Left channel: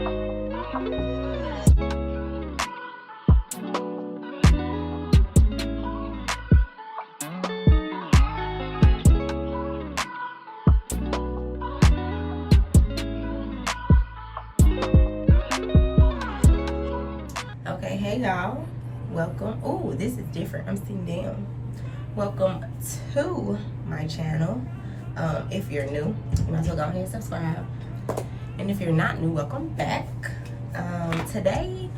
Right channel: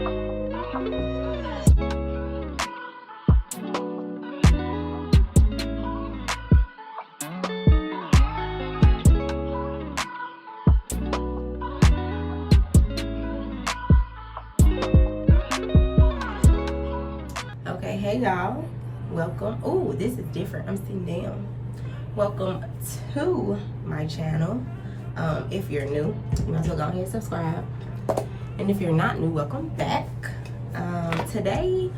Okay, hey y'all, welcome. Oh, this is different. I'm sitting down. Welcome to my channel. If you're new, you might as well go ahead and subscribe. And if you're not new, welcome back. Today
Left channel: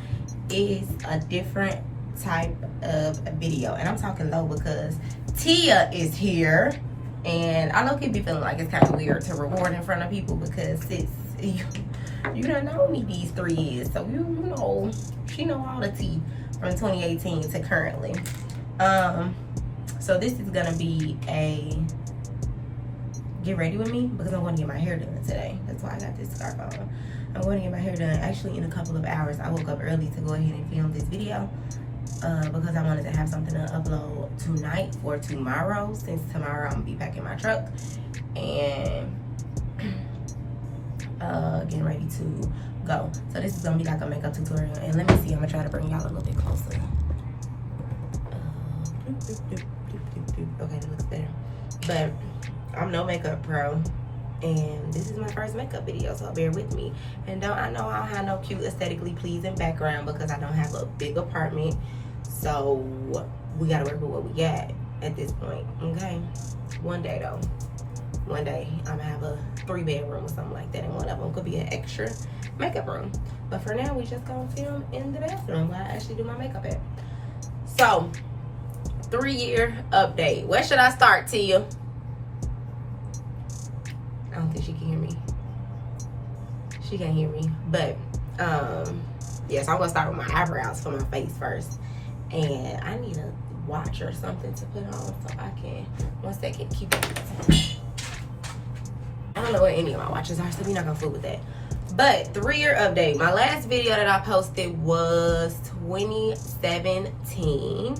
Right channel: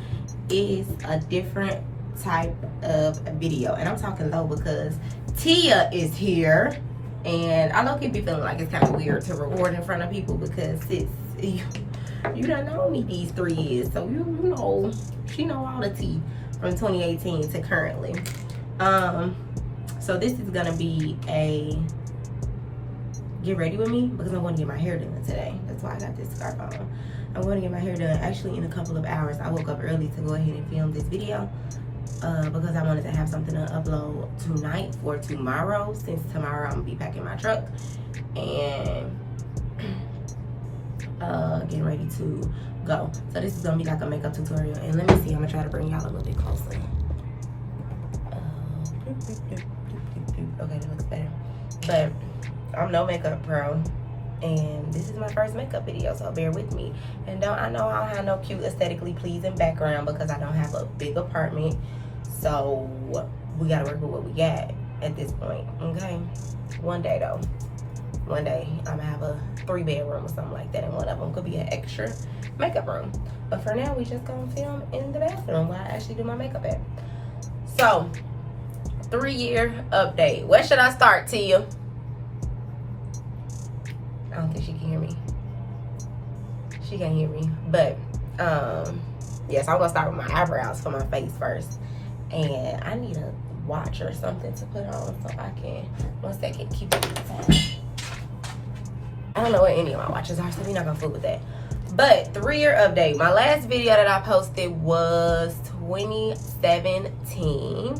is a different type of video, and I'm talking low because Tia is here, and I know people be feeling like it's kind of weird to record in front of people because it's you done know me these 3 years, so you know she know all the tea from 2018 to currently. So this is gonna be a get ready with me because I'm going to get my hair done today. That's why I got this scarf on. I'm going to get my hair done actually in a couple of hours. I woke up early to go ahead and film this video because I wanted to have something to upload tonight or tomorrow, since tomorrow I'm gonna be packing my truck and getting ready to go. So this is gonna be like a makeup tutorial, and let me see, I'm gonna try to bring y'all a little bit closer. Okay, that looks better. But I'm no makeup pro, and this is my first makeup video, so bear with me. And I know I don't have no cute aesthetically pleasing background because I don't have a big apartment, so we gotta work with what we got at this point. Okay, one day though, one day I'm gonna have a 3-bedroom or something like that, and one of them could be an extra makeup room. But for now, we just gonna film in the bathroom where I actually do my makeup at. So 3-year update. Where should I start, Tia? I don't think she can hear me. She can't hear me. But yes, I'm gonna start with my eyebrows for my face first. And I need a watch or something to put on so I can, one second, keep it. I don't know what any of my watches are, so we're not gonna fool with that. But 3-year update. My last video that I posted was 2017.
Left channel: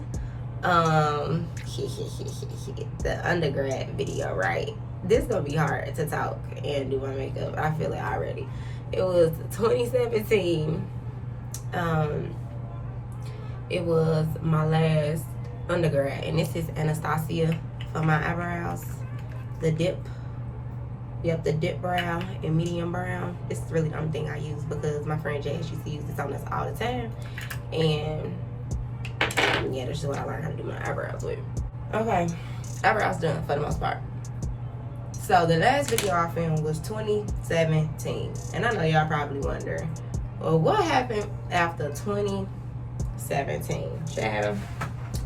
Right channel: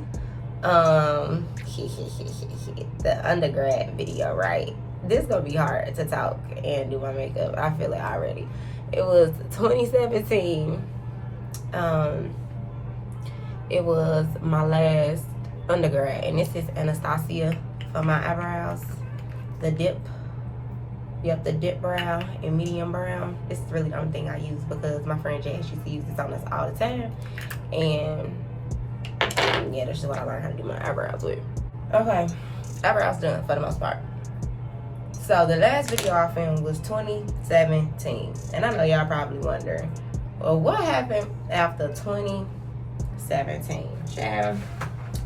The undergrad video, right? This is gonna be hard to talk and do my makeup. I feel it already. It was 2017. It was my last undergrad, and this is Anastasia for my eyebrows. The dip. Yep, the dip brow and medium brown. This is really the only thing I use because my friend Jazz used to use this on us all the time. And yeah, that's just what I learned how to do my eyebrows with. Okay, eyebrows done for the most part. So the last video I filmed was 2017. And I know y'all probably wonder, well, what happened after 2017? Child,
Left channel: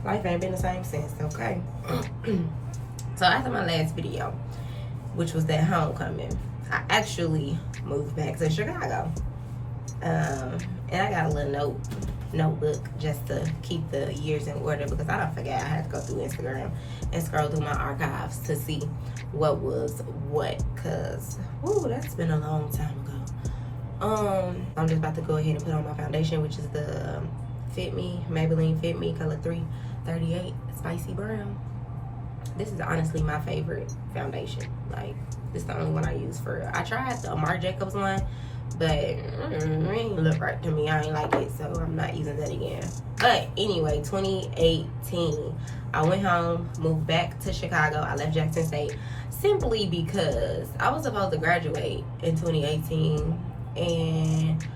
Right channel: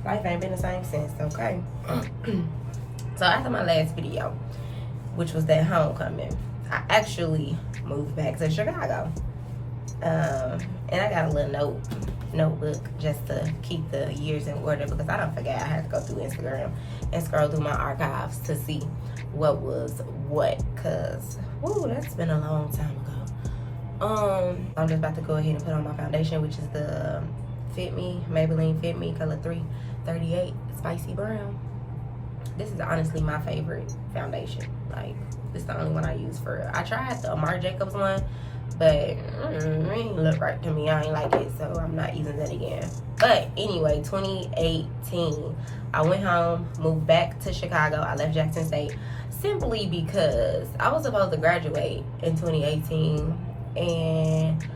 life ain't been the same since, okay? So after my last video, which was that homecoming, I actually moved back to Chicago. And I got a little notebook just to keep the years in order because I don't forget. I had to go through Instagram and scroll through my archives to see what was what, because woo, that's been a long time ago. I'm just about to go ahead and put on my foundation, which is the Fit Me, Maybelline Fit Me color 338 Spicy Brown. This is honestly my favorite foundation. Like, this is the only one I use for real. I tried the Marc Jacobs one, but it ain't look right to me. I ain't like it, so I'm not using that again. But anyway, 2018, I went home, moved back to Chicago. I left Jackson State simply because I was supposed to graduate in 2018, and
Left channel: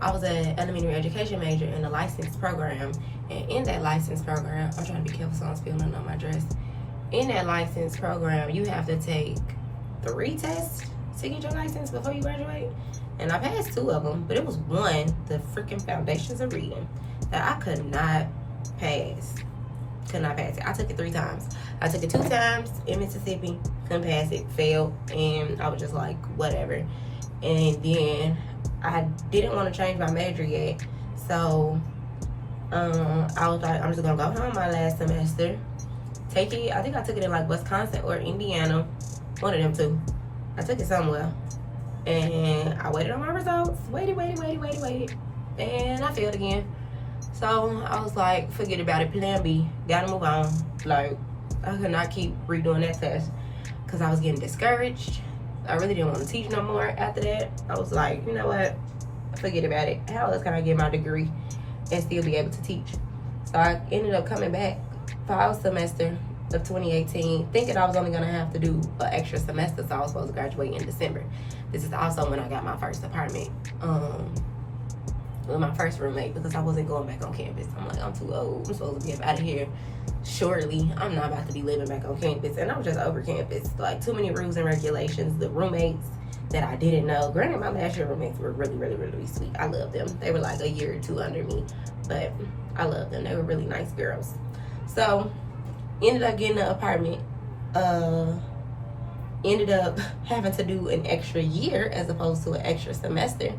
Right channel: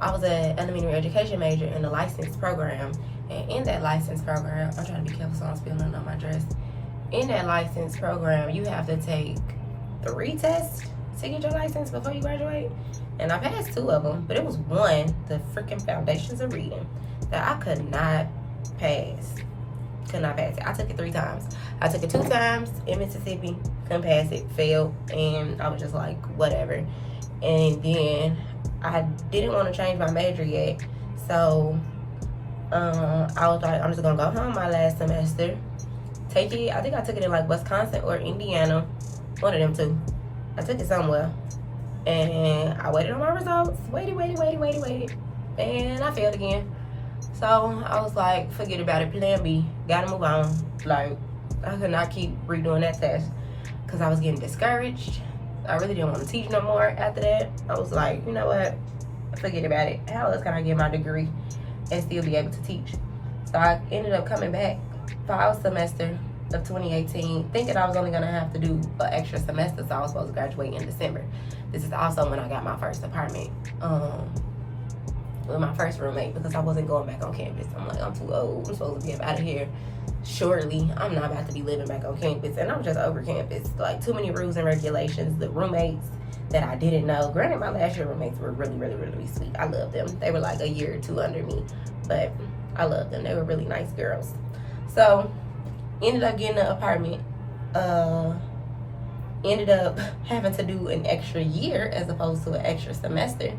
I was an elementary education major in the license program. And in that license program, I'm trying to be careful so I don't spill nothing on my dress. In that license program, you have to take 3 tests to get your license before you graduate. And I passed 2 of them, but it was one, the freaking foundations of reading, that I could not pass. Could not pass it. I took it 3 times. I took it 2 times in Mississippi, couldn't pass it, failed, and I was just like, whatever. And then I didn't want to change my major yet, so I was like, I'm just gonna go home my last semester. Take it, I think I took it in like Wisconsin or Indiana, one of them 2. I took it somewhere, and I waited on my results. Waited, and I failed again. So I was like, forget about it, plan B, gotta move on. Like, I could not keep redoing that test because I was getting discouraged. I really didn't want to teach no more after that. I was like, you know what, forget about it. How else can I get my degree and still be able to teach? So I ended up coming back fall semester of 2018, thinking I was only gonna have to do an extra semester, so I was supposed to graduate in December. This is also when I got my first apartment with my first roommate, because I wasn't going back on campus. I'm like, I'm too old. I'm supposed to get out of here shortly. I'm not about to be living back on campus, and I'm just over campus. Like, too many rules and regulations. The roommates that I didn't know. Granted, my last year roommates were really, really, really sweet. I loved them. They were like a year or two under me, but I loved them. They were really nice girls. So ended up getting an apartment. Ended up having to do an extra year as opposed to an extra semester.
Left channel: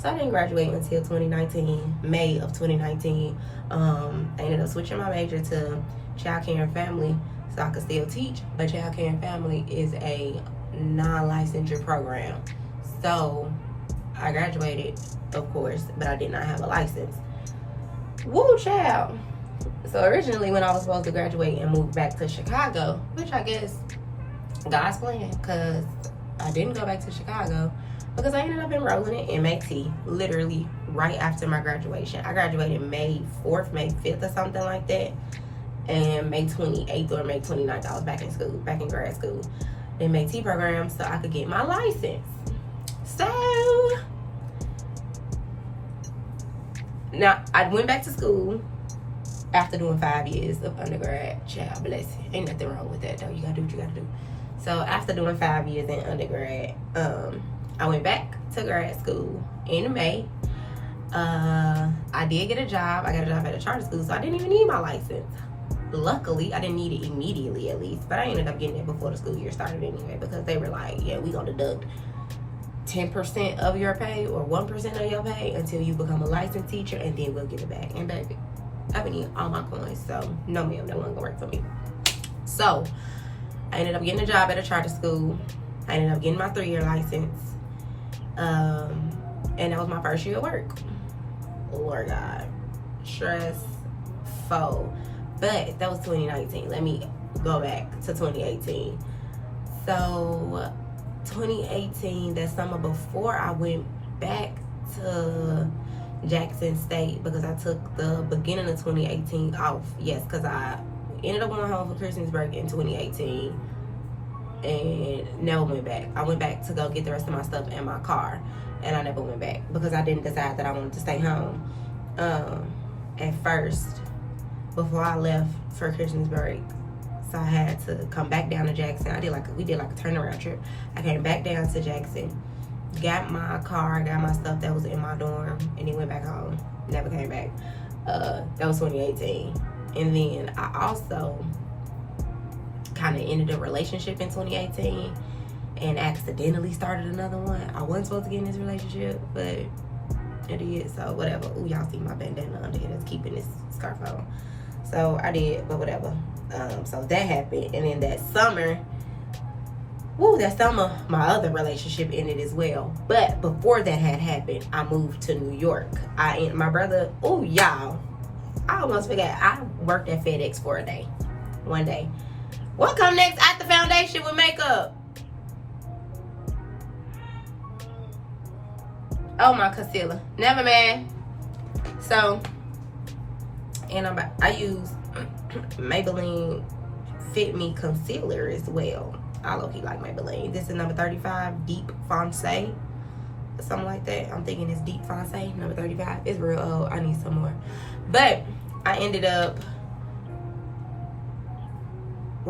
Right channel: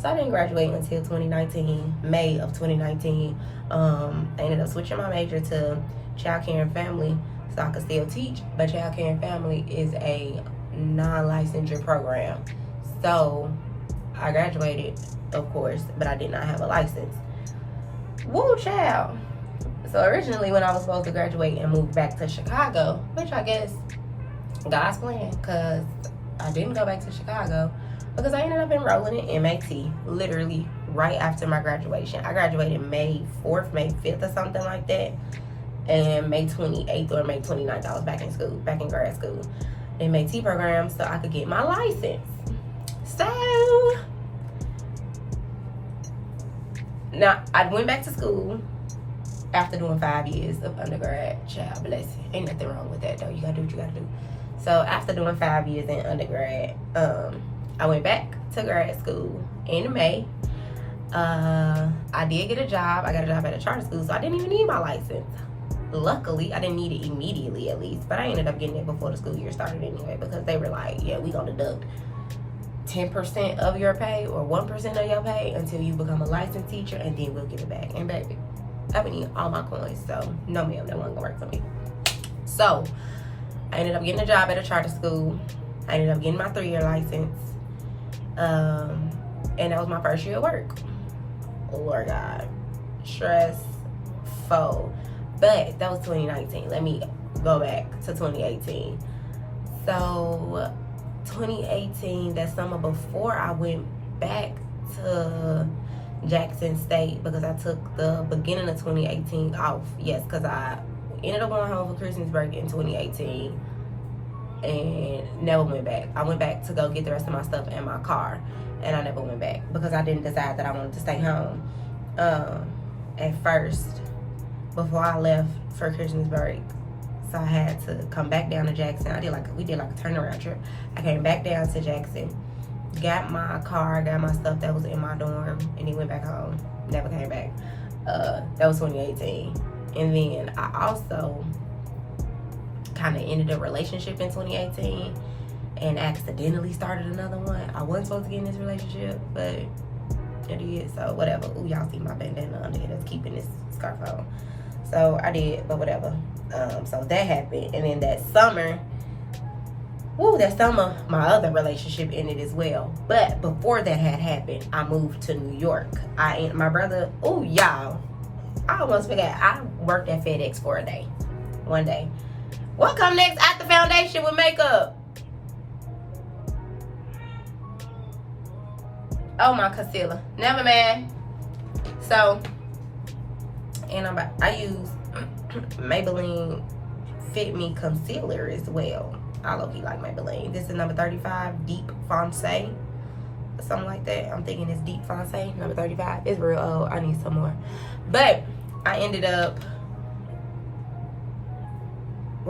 So I didn't graduate until 2019, May of 2019. I ended up switching my major to child care and family so I could still teach. But child care and family is a non-licensure program. So I graduated, of course, but I did not have a license. Woo, child. So originally when I was supposed to graduate and move back to Chicago, which I guess God's plan, because I didn't go back to Chicago because I ended up enrolling in MAT literally right after my graduation. I graduated May 4th, May 5th or something like that. And May 28th or May 29th, I was back in school, back in grad school, in MAT program, so I could get my license. So now I went back to school after doing 5 years of undergrad. Child bless you. Ain't nothing wrong with that though. You gotta do what you gotta do. So after doing 5 years in undergrad, I went back to grad school in May. I did get a job. I got a job at a charter school, so I didn't even need my license. Luckily, I didn't need it immediately at least, but I ended up getting it before the school year started anyway, because they were like, yeah, we gonna deduct 10% of your pay or 1% of your pay until you become a licensed teacher, and then we'll give it back. And baby, I've been eating all my coins, so no ma'am, that wasn't gonna work for me. So I ended up getting a job at a charter school. I ended up getting my 3-year license. And that was my first year of work. Lord God. Stressful. But that was 2019. Let me go back to 2018. So 2018, that summer before I went back to Jackson State, because I took the beginning of 2018 off. Yes, because I ended up going home for Christmas break in 2018 and never went back. I went back to go get the rest of my stuff in my car, and I never went back because I didn't decide that I wanted to stay home. At first, before I left for Christmas break, so I had to come back down to Jackson. We did like a turnaround trip. I came back down to Jackson, got my car, got my stuff that was in my dorm, and then went back home. Never came back. That was 2018. And then I also kind of ended a relationship in 2018 and accidentally started another one. I wasn't supposed to get in this relationship, but I did, so whatever. Ooh, y'all see my bandana under here that's keeping this scarf on. So I did, but whatever. So that happened. And then that summer, my other relationship ended as well. But before that had happened, I moved to New York. My brother, y'all, I almost forgot. I worked at FedEx for one day. What come next after foundation with makeup? Oh, my concealer. Never mind. So, and I use Maybelline Fit Me concealer as well. I low-key like Maybelline. This is number 35, Deep Foncé. Something like that. I'm thinking it's Deep Foncé, number 35. It's real old. I need some more. But I ended up,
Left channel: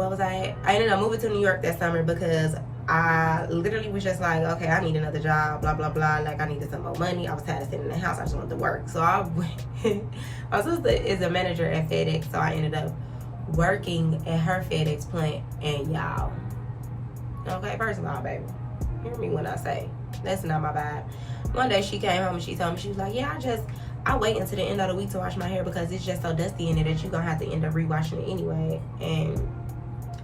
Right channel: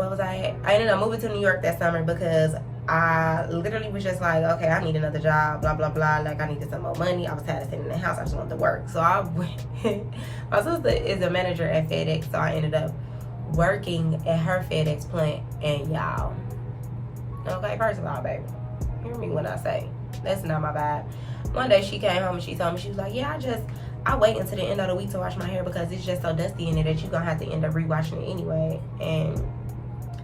I ended up moving to New York that summer because I literally was just like, okay, I need another job, blah, blah, blah. Like, I needed some more money. I was tired of sitting in the house. I just wanted to work. So I went, my sister is a manager at FedEx, so I ended up working at her FedEx plant. And y'all, okay, first of all, baby, hear me when I say, that's not my vibe. One day she came home and she told me, she was like, yeah, I wait until the end of the week to wash my hair because it's just so dusty in it that you're going to have to end up rewashing it anyway. And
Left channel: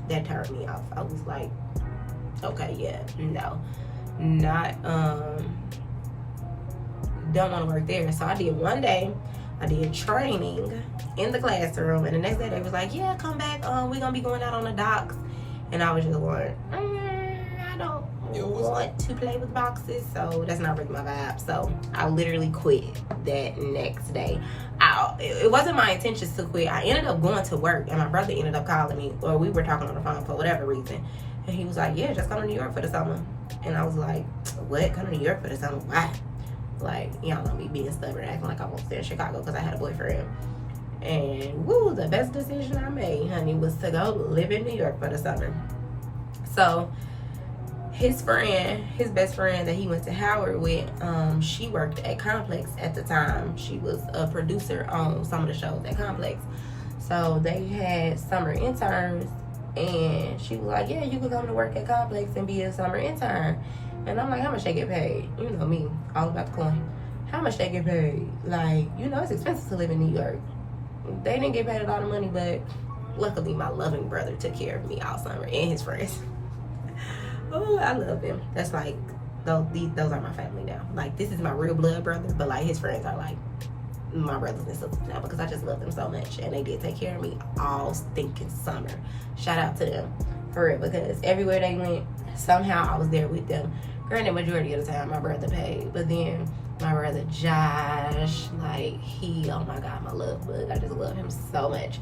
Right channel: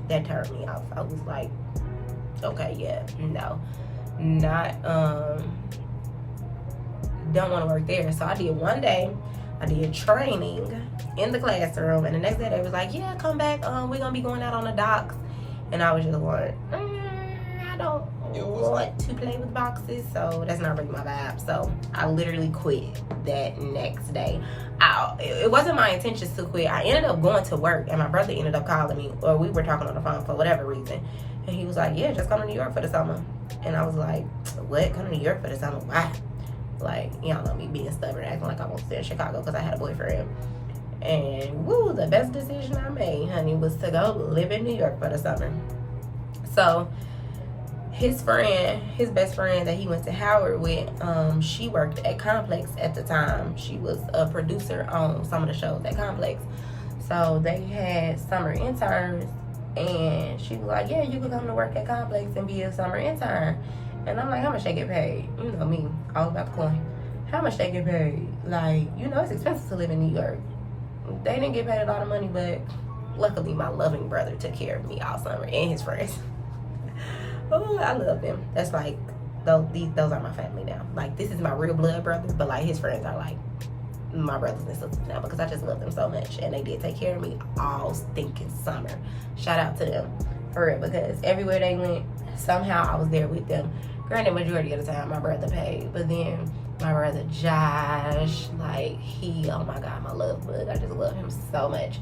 that turned me off. I was like, okay, yeah, no, not, don't want to work there. So I did one day, I did training in the classroom, and the next day they was like, yeah, come back, we're going to be going out on the docks. And I was just like, I don't want want to play with boxes, so that's not really my vibe. So I literally quit that next day. It wasn't my intentions to quit. I ended up going to work, and my brother ended up calling me, or we were talking on the phone for whatever reason, and he was like, yeah, just come to New York for the summer. And I was like, what? Come to New York for the summer? Why? Like, y'all know me being stubborn, acting like I won't stay in Chicago because I had a boyfriend. And woo, the best decision I made, honey, was to go live in New York for the summer. So his best friend that he went to Howard with, she worked at Complex at the time. She was a producer on some of the shows at Complex. So they had summer interns, and she was like, yeah, you could come to work at Complex and be a summer intern. And I'm like, how much they get paid? You know me, all about the coin. How much they get paid? Like, you know, it's expensive to live in New York. They didn't get paid a lot of money, but luckily my loving brother took care of me all summer, and his friends. Oh, I love them. That's like, those are my family now. Like, this is my real blood brother, but like his friends are like my brothers and sisters now, because I just love them so much, and they did take care of me all stinking summer. Shout out to them for real, because everywhere they went, somehow I was there with them. Granted, majority of the time my brother paid, but then my brother Josh, like, oh my God, my love bug. I just love him so much.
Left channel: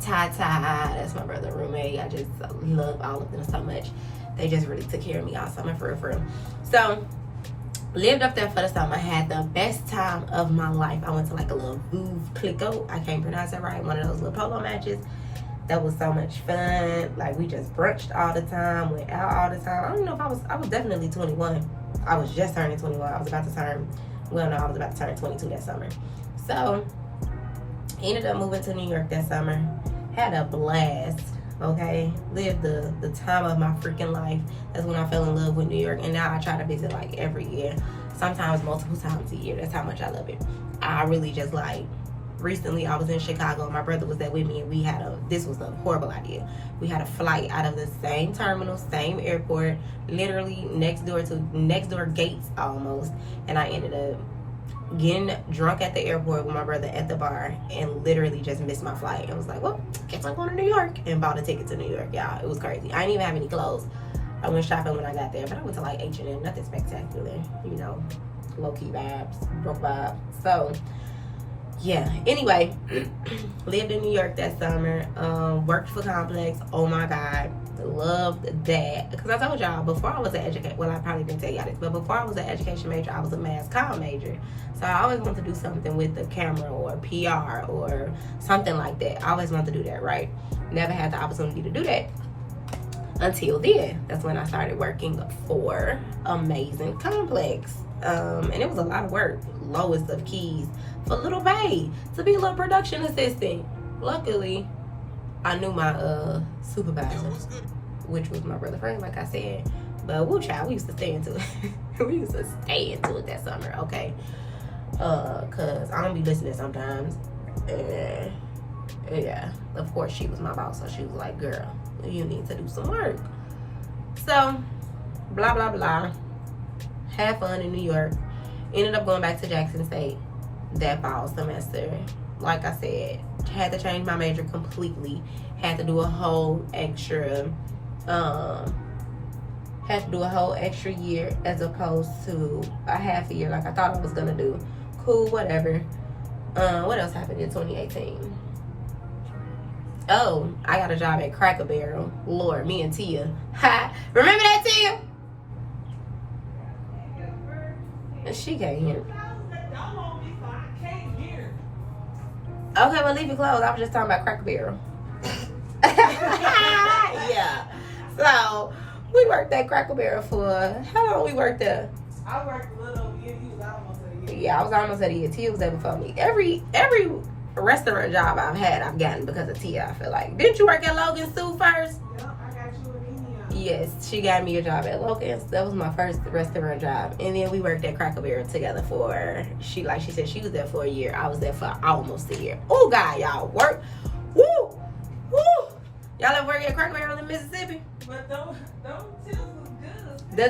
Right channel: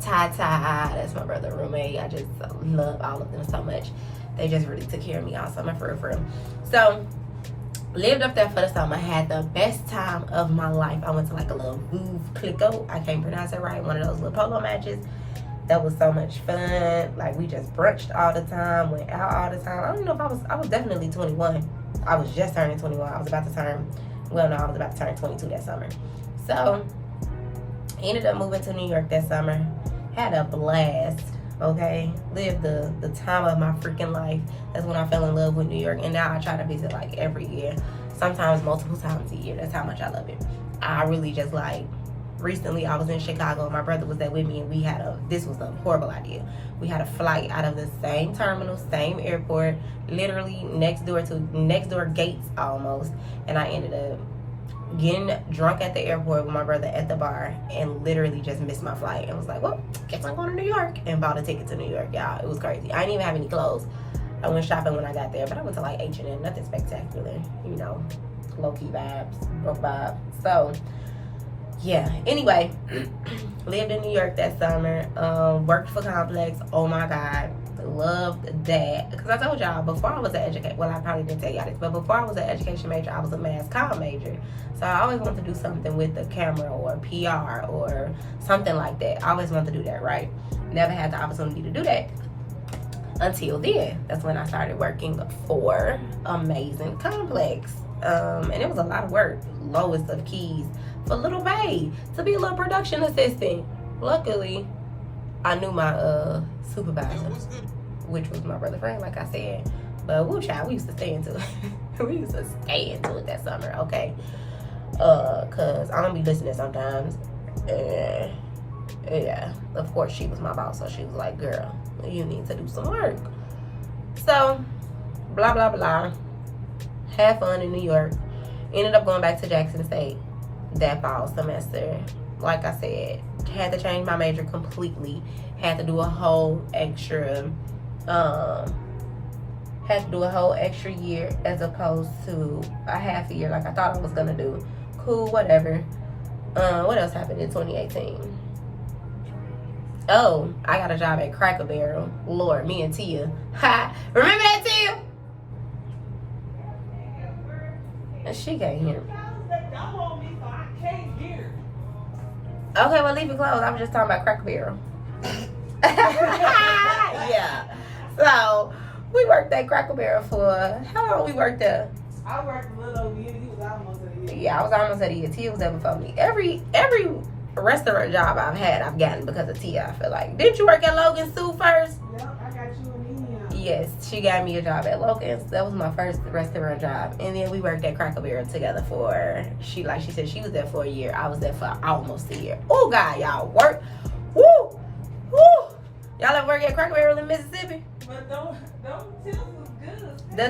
Ty, that's my brother roommate. I just love all of them so much. They just really took care of me all summer, for real. So, lived up there for the summer. Had the best time of my life. I went to like a little Vouv Clicquot. I can't pronounce it right. One of those little polo matches. That was so much fun. Like, we just brunched all the time, went out all the time. I don't know if I was definitely 21. I was just turning 21. I was about to turn 22 that summer. So, ended up moving to New York that summer. Had a blast, okay? Lived the time of my freaking life. That's when I fell in love with New York. And now I try to visit like every year. Sometimes multiple times a year. That's how much I love it. I really just like, recently I was in Chicago, and my brother was there with me, and this was a horrible idea. We had a flight out of the same terminal, same airport, literally next door gates almost, and I ended up getting drunk at the airport with my brother at the bar, and literally just missed my flight, and was like, well, guess I'm going to New York, and bought a ticket to New York, y'all. It was crazy. I didn't even have any clothes. I went shopping when I got there, but I went to like H&M, nothing spectacular, you know, low-key vibes, broke vibe. So yeah, anyway, lived in New York that summer, worked for Complex. Oh my God, loved that. Because I told y'all, before I was an education, well, I probably didn't tell y'all this, but before I was an education major, I was a mass comm major. So I always wanted to do something with the camera or PR or something like that. I always wanted to do that, right? Never had the opportunity to do that until then. That's when I started working for Amazing Complex. And it was a lot of work, lowest of keys, for little pay, to be a little production assistant. Luckily, I knew my supervisor, which was my brother friend, like I said. But woo child, we used to stay into it. We used to stay into it that summer, okay? Cause I don't be listening sometimes. And yeah, of course she was my boss, so she was like, girl, you need to do some work. So, blah, blah, blah. Had fun in New York. Ended up going back to Jackson State that fall semester. Like I said, had to change my major completely. Had to do a whole extra year as opposed to a half a year like I thought I was gonna do. Cool, whatever. What else happened in 2018? Oh, I got a job at Cracker Barrel. Lord, me and Tia. Ha! Remember that, Tia? She can't hear me. Okay, well, leave it closed. I was just talking about Cracker Barrel. Yeah. So, we worked at Cracker Barrel for, how long we worked there? I worked a little over a year. You was almost at a year. Yeah, I was almost at a year. Tia was there before me. Every restaurant job I've had, I've gotten because of Tia, I feel like. Didn't you work at Logan's Sue first? Yeah, I got you in India. Yes, she got me a job at Logan's. That was my first restaurant job. And then we worked at Cracker Barrel together for, like she said, she was there for a year. I was there for almost a year. Oh, God, y'all work. Woo! Woo! Y'all ever work at Cracker Barrel in Mississippi? But don't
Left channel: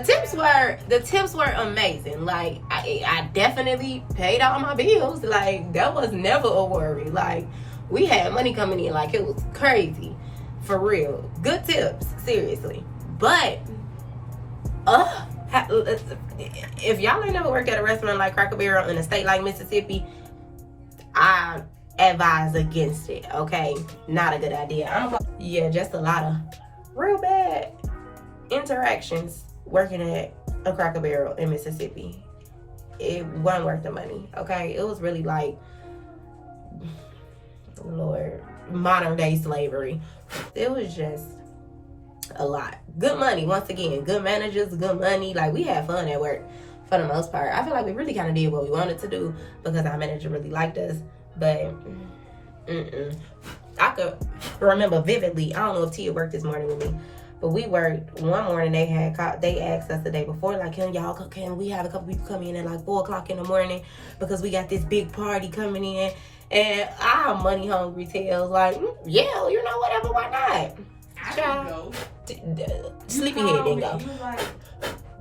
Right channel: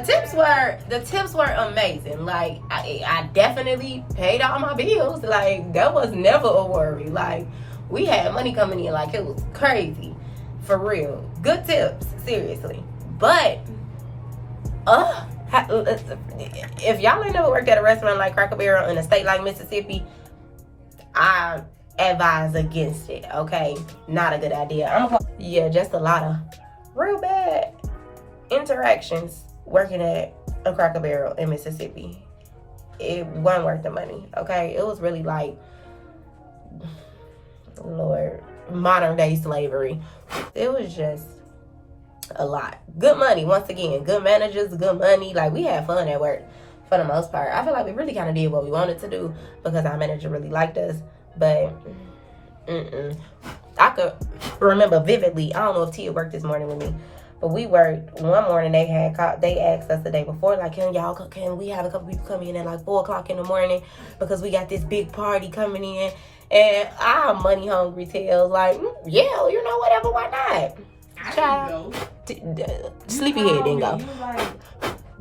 tips was good. The tips were amazing. Like, I definitely paid all my bills. Like, that was never a worry. Like, we had money coming in. Like, it was crazy. For real. Good tips. Seriously. But, If y'all ain't never worked at a restaurant like Cracker Barrel in a state like Mississippi, I advise against it, okay? Not a good idea. Yeah, just a lot of real bad interactions working at a Cracker Barrel in Mississippi. It wasn't worth the money, okay? It was really like, Lord, modern day slavery. It was just a lot. Good money, once again. Good managers, good money. Like, we had fun at work for the most part. I feel like we really kind of did what we wanted to do because our manager really liked us. But I could remember vividly. I don't know if Tia worked this morning with me, but we worked one morning. They asked us the day before, like, can we have a couple people come in at like 4:00 in the morning because we got this big party coming in. And I'm money hungry tails, like, yeah, you know, whatever, why not? I didn't go. Sleepyhead didn't go. You was like,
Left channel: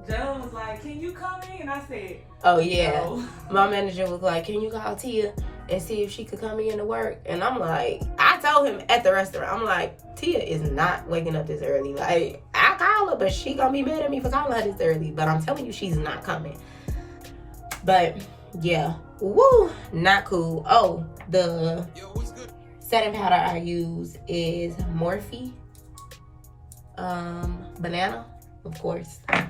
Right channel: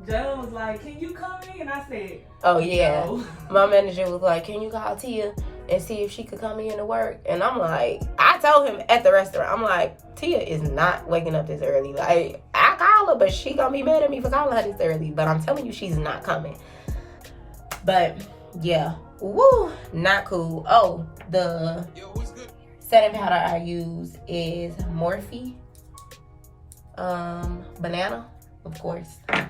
Joe was like, can you come in? I said, oh yeah. no. My manager was like, can you call Tia and see if she could come in to work? And I'm like, I told him at the restaurant, I'm like, Tia is not waking up this early. Like, I call her, but she gonna be mad at me for calling her this early. But I'm telling you, she's not coming. But yeah, woo, not cool. Oh, the setting powder I use is Morphe banana, of course. So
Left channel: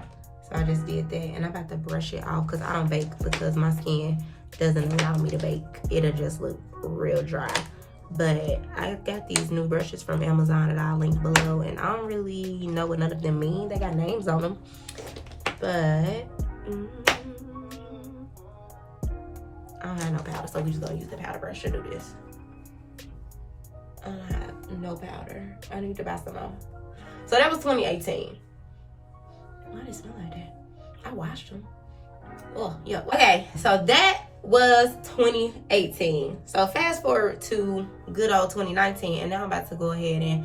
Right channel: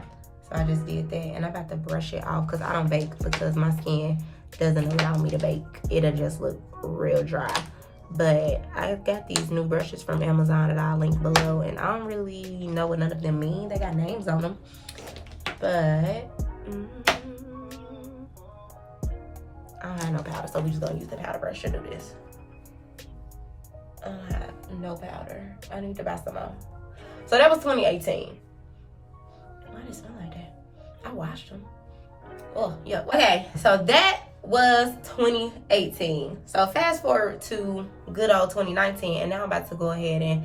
I just did that, and I'm about to brush it off because I don't bake because my skin doesn't allow me to bake. It'll just look real dry. But I got these new brushes from Amazon that I'll link below, and I don't really know what none of them mean. They got names on them, but I don't have no powder, so we just gonna use the powder brush to do this. I don't have no powder. I need to buy some more. So that was 2018. Why did it smell like that? I washed them. Oh, yeah. Okay, so that was 2018. So fast forward to good old 2019, and now I'm about to go ahead and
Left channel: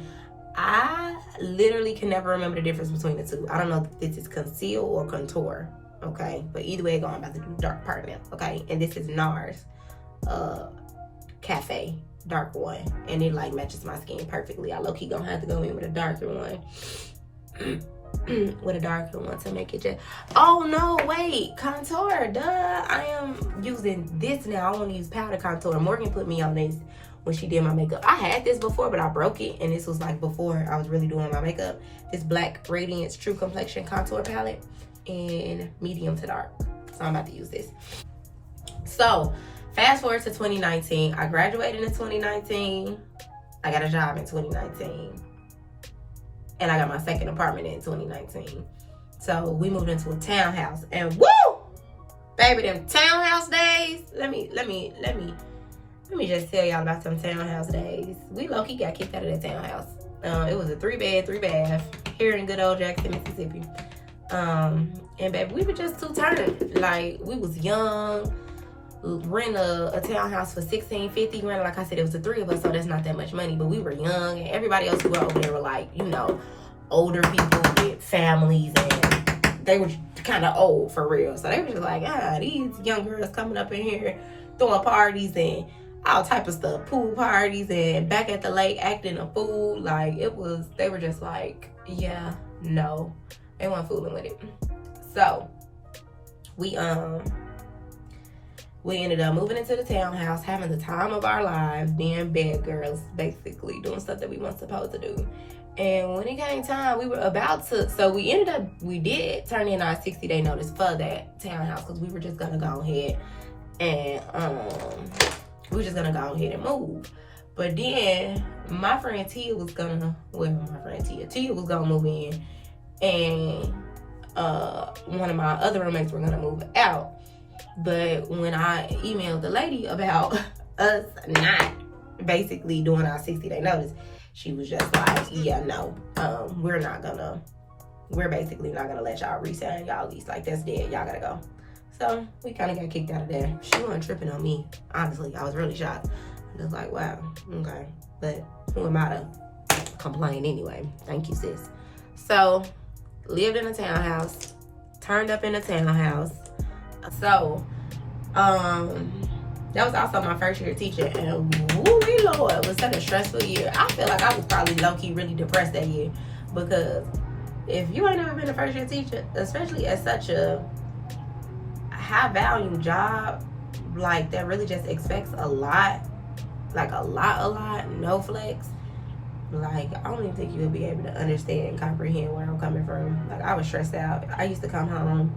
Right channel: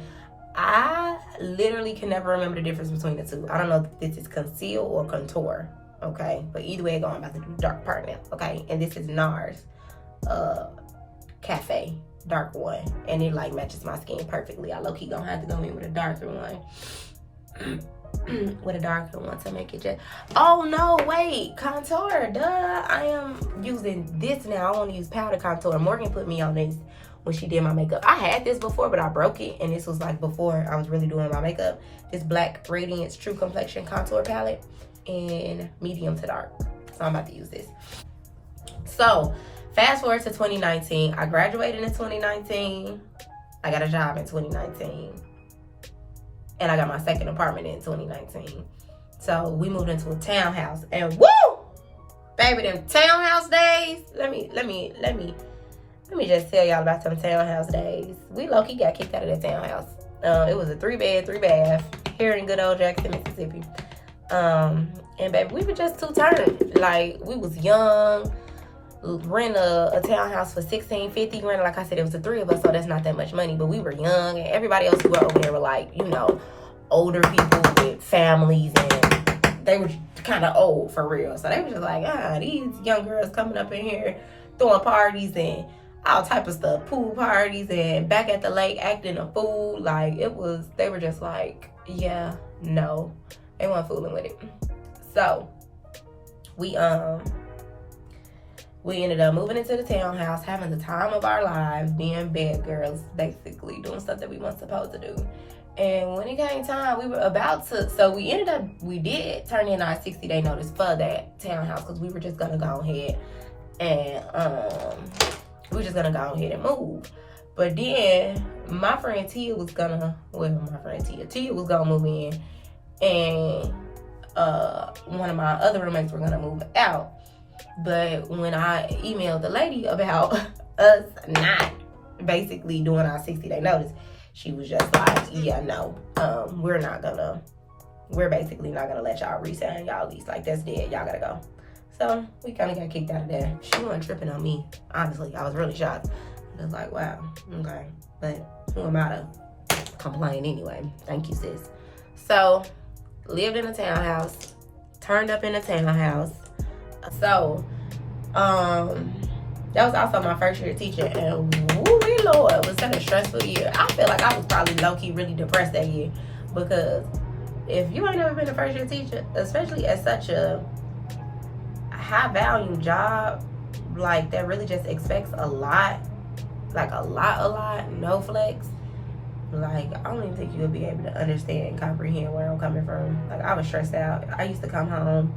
I literally can never remember the difference between the two. I don't know if this is conceal or contour. Okay, but either way, I'm about to do the dark part now. Okay, and this is NARS Cafe dark one, and it like matches my skin perfectly. I low-key gonna have to go in with a darker one. With a darker one to make it just, oh no, wait, contour, duh. I am using this now. I want to use powder contour. Morgan put me on this when she did my makeup. I had this before, but I broke it, and this was like before I was really doing my makeup. This Black Radiance True Complexion Contour Palette in medium to dark. So I'm about to use this. So fast forward to 2019. I graduated in 2019. I got a job in 2019. And I got my second apartment in 2019. So we moved into a townhouse, and woo! Baby, them townhouse days. Let me just tell y'all about some townhouse days. We low-key got kicked out of that townhouse. It was a 3-bed, 3-bath here in good old Jackson, Mississippi. And baby, we were just too turned. Like, we was young. Rent a townhouse for $1,650. Granted, like I said, it was the three of us, so that's not that much money. But we were young, and everybody else who were over there were like, you know, older people with families, and they were kind of old for real. So they were just like, these young girls coming up in here throwing parties and all type of stuff, pool parties and back at the lake acting a fool. Like, it was, they were just like, yeah, no, they weren't fooling with it. So we ended up moving into the townhouse, having the time of our lives, being bad girls, basically, doing stuff that we weren't supposed to do. And when it came time, we were about to, so we did turn in our 60-day notice for that townhouse, because we were just gonna go ahead and, move. But then, my friend Tia was gonna move in, and one of my other roommates were gonna move out. But when I emailed the lady about us not basically doing our 60-day notice, she was just like, yeah, no, we're basically not gonna let y'all re-sign y'all lease. Like, that's dead, y'all gotta go. So we kind of got kicked out of there. She wasn't tripping on me. Honestly, I was really shocked. I was like, wow, okay. But who am I to complain anyway? Thank you, sis. So, lived in a townhouse, turned up in a townhouse. So, that was also my first year teaching, and woo-wee Lord, it was such a stressful year. I feel like I was probably low-key really depressed that year, because if you ain't never been a first year teacher, especially at such a high value job, like that really just expects a lot, like a lot, no flex. Like, I don't even think you'll be able to understand and comprehend where I'm coming from. Like, I was stressed out. I used to come home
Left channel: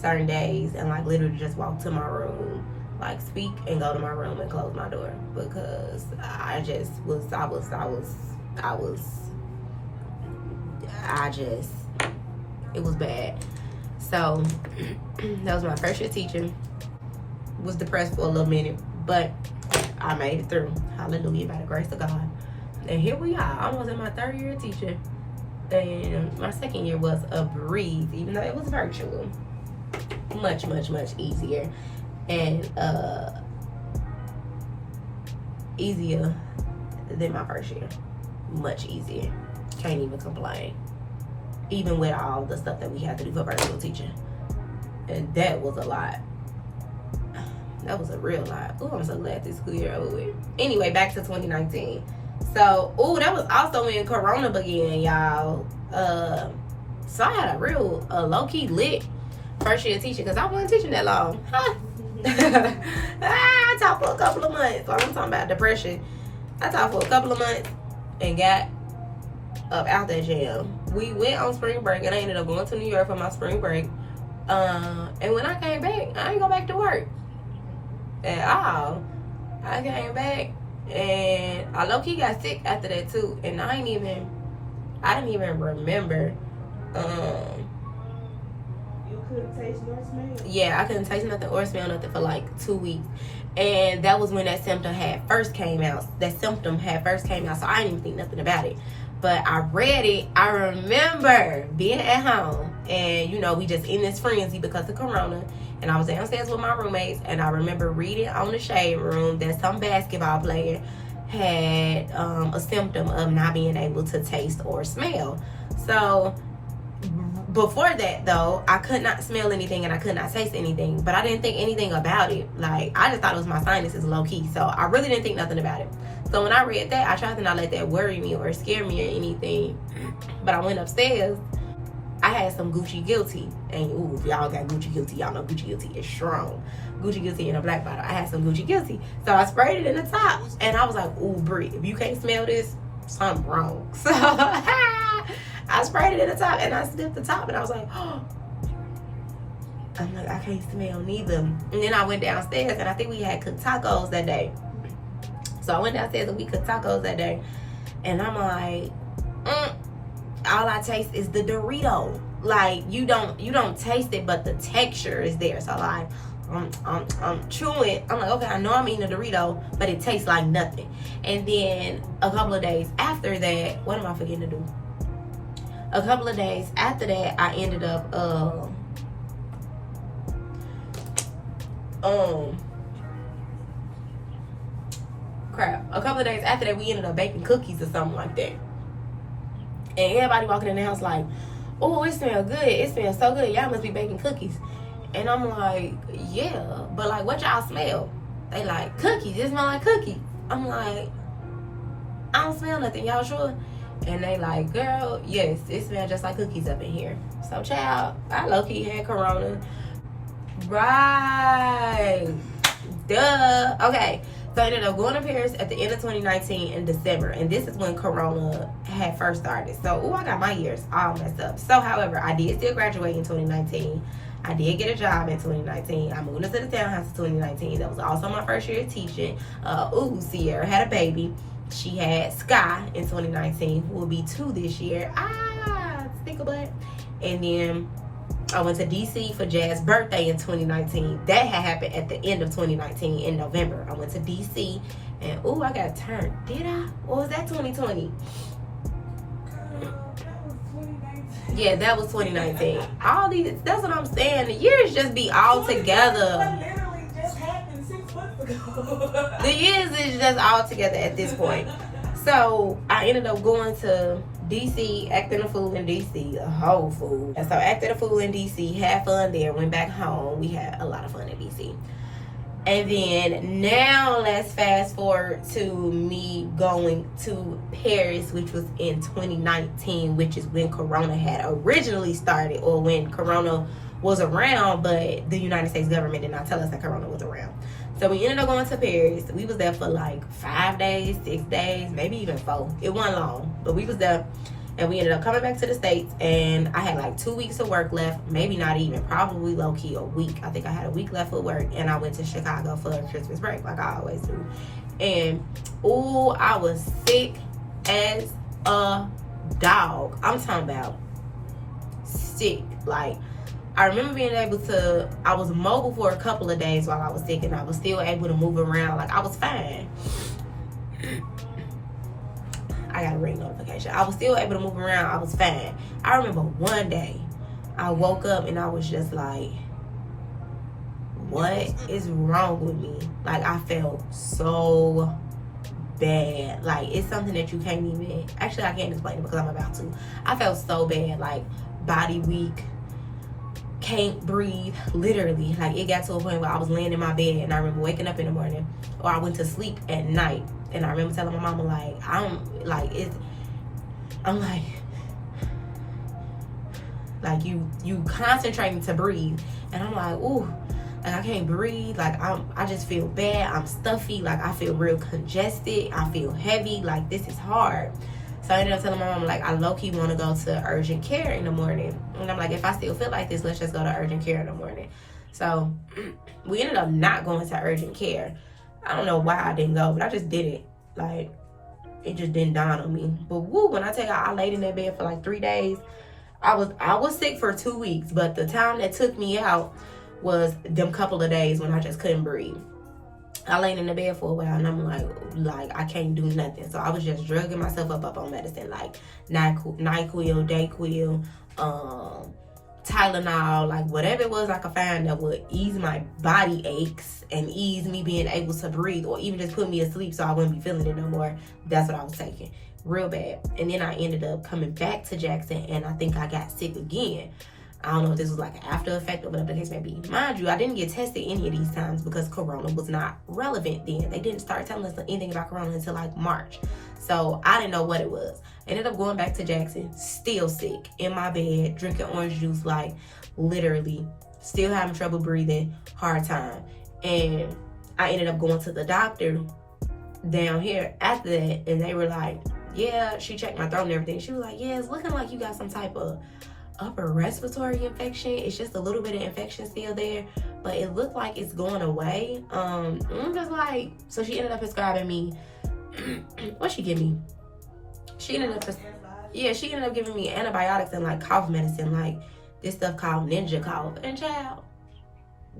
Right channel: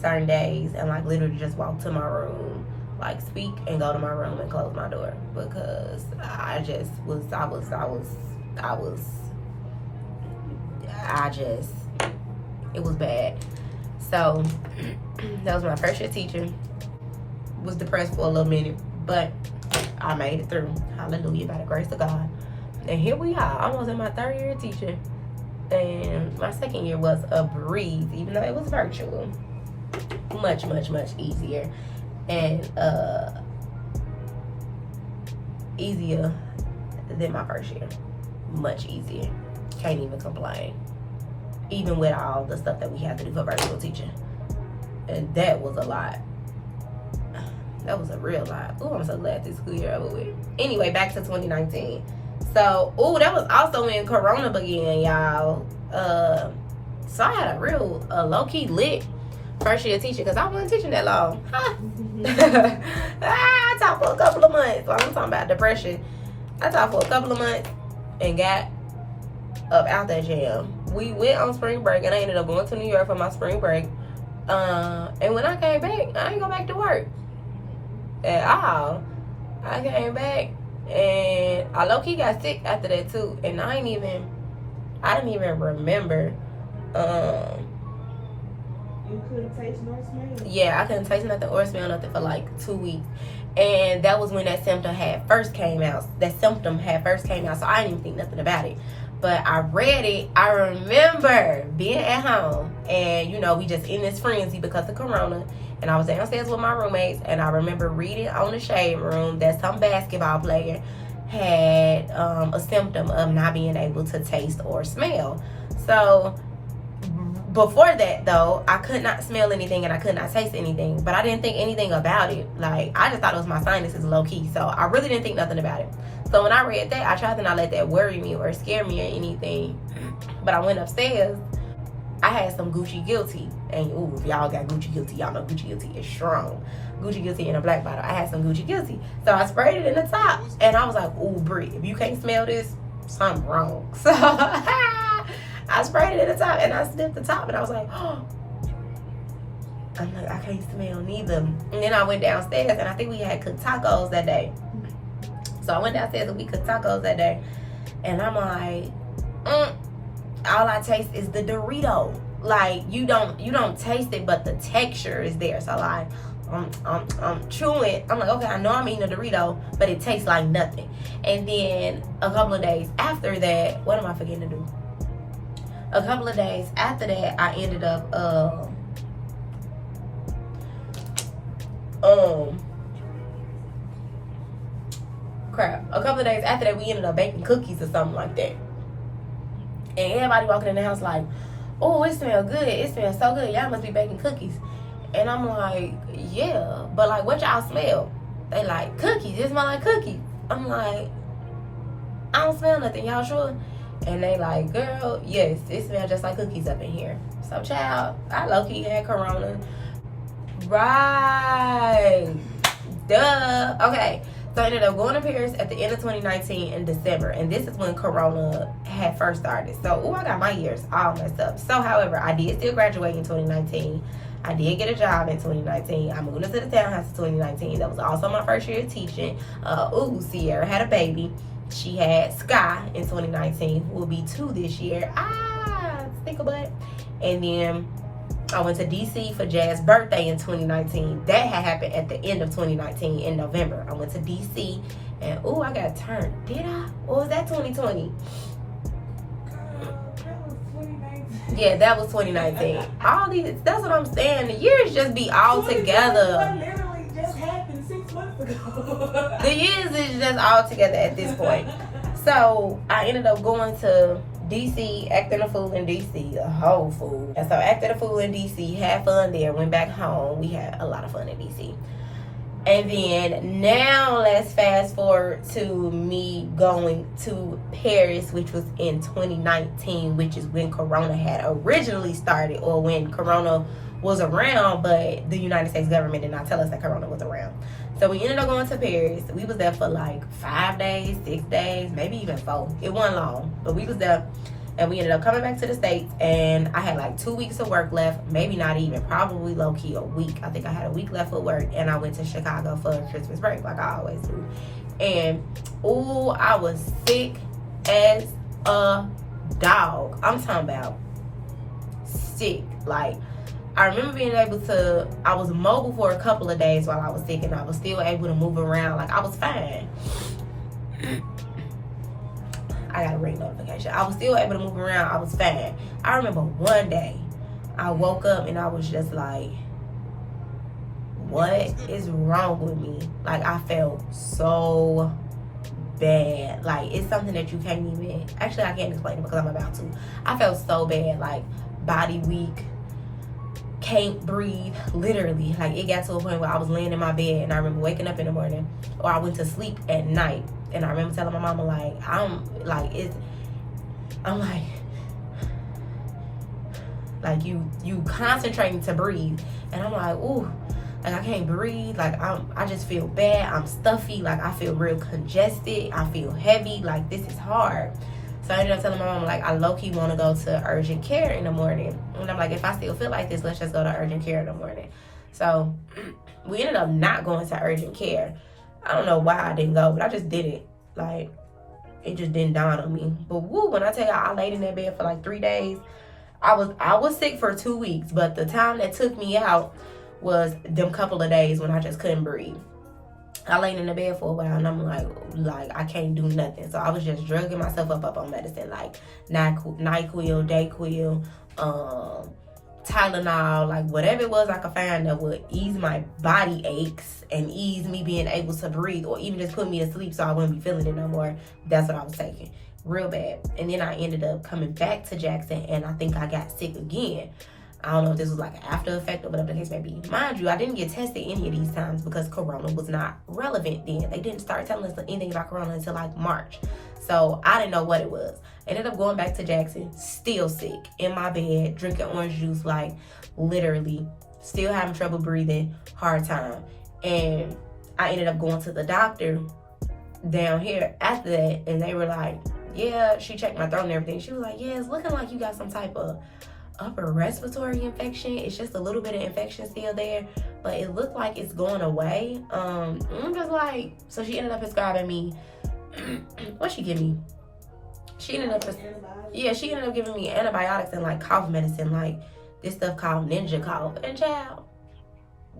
certain days and like literally just walk to my room, like speak and go to my room and close my door, because I just was, it was bad. So that was my first year teaching. Was depressed for a little minute, but I made it through. Hallelujah, by the grace of God. And here we are, almost in my third year of teaching. And my second year was a breeze, even though it was virtual. Much easier. And easier than my first year. Much easier. Can't even complain. Even with all the stuff that we had to do for virtual teaching. And that was a lot. That was a real lot. Oh, I'm so glad this school year over with. Anyway, back to 2019. So, that was also when Corona began, y'all. So I had a real low-key lit first year teaching, because I wasn't teaching that long. I taught for a couple of months. Well, I'm talking about depression. I taught for a couple of months and got up out that jam. We went on spring break, and I ended up going to New York for my spring break. And when I came back, I didn't go back to work at all. I came back and I low-key got sick after that too, and I didn't even remember. You couldn't taste nor smell? Yeah, I couldn't taste nothing or smell nothing for like 2 weeks. And that was when that symptom had first came out. So I didn't even think nothing about it. But I read it. I remember being at home, and we just in this frenzy because of Corona. And I was downstairs with my roommates, and I remember reading on the shade room that some basketball player had a symptom of not being able to taste or smell. So before that, though, I could not smell anything and I could not taste anything, but I didn't think anything about it. Like, I just thought it was my sinuses low-key, so I really didn't think nothing about it. So when I read that, I tried to not let that worry me or scare me or anything. But I went upstairs. I had some Gucci Guilty. And, if y'all got Gucci Guilty, y'all know Gucci Guilty is strong. Gucci Guilty in a black bottle. I had some Gucci Guilty. So I sprayed it in the top. And I was like, Brie, if you can't smell this, something wrong. So I sprayed it in the top, and I sniffed the top, and I was like, I'm like, I can't smell neither. And then I went downstairs, and I think we had cooked tacos that day. So I went downstairs and we cooked tacos that day. And I'm like, all I taste is the Dorito. Like, you don't taste it, but the texture is there. So like, I'm chewing. I'm like, okay, I know I'm eating a Dorito, but it tastes like nothing. And then a couple of days after that, what am I forgetting to do? A couple of days after that, I ended up a couple of days after that, we ended up baking cookies or something like that. And everybody walking in the house like, oh, it smells good. It smells so good. Y'all must be baking cookies. And I'm like, yeah, but like, what y'all smell? They like, cookies. It smell like cookies. I'm like, I don't smell nothing. Y'all sure? And they like, girl, yes, it smells just like cookies up in here. So, child, I low-key had Corona. Right. Duh. Okay. So I ended up going to Paris at the end of 2019 in December. And this is when Corona had first started. So, I got my years all messed up. So, however, I did still graduate in 2019. I did get a job in 2019. I moved into the townhouse in 2019. That was also my first year of teaching. Sierra had a baby. She had Sky in 2019, who will be 2 this year. Think about it. And then I went to DC for Jazz's birthday in 2019. That had happened at the end of 2019 in November. I went to DC and I got turned. Did I? Or was that 2020? Yeah, that was 2019. All these, that's what I'm saying. The years just be all together. Literally just happened 6 months ago. The years is just all together at this point. So I ended up going to DC, acting a fool in DC, a whole fool. And so acted a fool in DC, had fun there, went back home. We had a lot of fun in DC. And then now let's fast forward to me going to Paris, which was in 2019, which is when Corona had originally started, or when Corona was around, but the United States government did not tell us that Corona was around. So we ended up going to Paris. We was there for like 5 days, 6 days, maybe even 4. It wasn't long, but we was there. And we ended up coming back to the States, and I had like 2 weeks of work left, maybe not even, probably low-key a week. I think I had a week left of work, and I went to Chicago for Christmas break, like I always do. And, ooh, I was sick as a dog. I'm talking about sick. Like, I remember being able to, I was mobile for a couple of days while I was sick, and I was still able to move around. Like, I was fine. I got a ring notification. I was still able to move around. I was fine. I remember one day I woke up and I was just like, what is wrong with me? Like, I felt so bad. Like, it's something that you can't even, actually I can't explain it because I'm about to. I felt so bad, like body weak, can't breathe, literally. Like, it got to a point where I was laying in my bed, and I remember waking up in the morning, or I went to sleep at night, and I remember telling my mama, like, I'm like, you concentrating to breathe, and I'm like, ooh, like, I can't breathe. Like, I just feel bad. I'm stuffy. Like, I feel real congested. I feel heavy. Like, this is hard. So I ended up telling my mom, like, I low-key want to go to urgent care in the morning. And I'm like, if I still feel like this, let's just go to urgent care in the morning. So we ended up not going to urgent care. I don't know why I didn't go, but I just did it. Like, it just didn't dawn on me. But woo, when I tell you, I laid in that bed for like 3 days. I was sick for 2 weeks, but the time that took me out was them couple of days when I just couldn't breathe. I laid in the bed for a while, and I'm like I can't do nothing. So I was just drugging myself up on medicine, like NyQuil, Dayquil, Tylenol, like whatever it was I could find that would ease my body aches and ease me being able to breathe, or even just put me to sleep so I wouldn't be feeling it no more. That's what I was taking. Real bad. And then I ended up coming back to Jackson, and I think I got sick again. I don't know if this was like an after effect or whatever the case may be. Mind you, I didn't get tested any of these times because Corona was not relevant then. They didn't start telling us anything about Corona until like March. So I didn't know what it was. I ended up going back to Jackson, still sick, in my bed, drinking orange juice, like literally, still having trouble breathing, hard time. And I ended up going to the doctor down here after that, and they were like, yeah, she checked my throat and everything. She was like, yeah, it's looking like you got some type of upper respiratory infection. It's just a little bit of infection still there, but it looked like it's going away. I'm just like, so she ended up prescribing me what she give me? She ended up giving me antibiotics and like cough medicine, like this stuff called Ninja Cough. And child,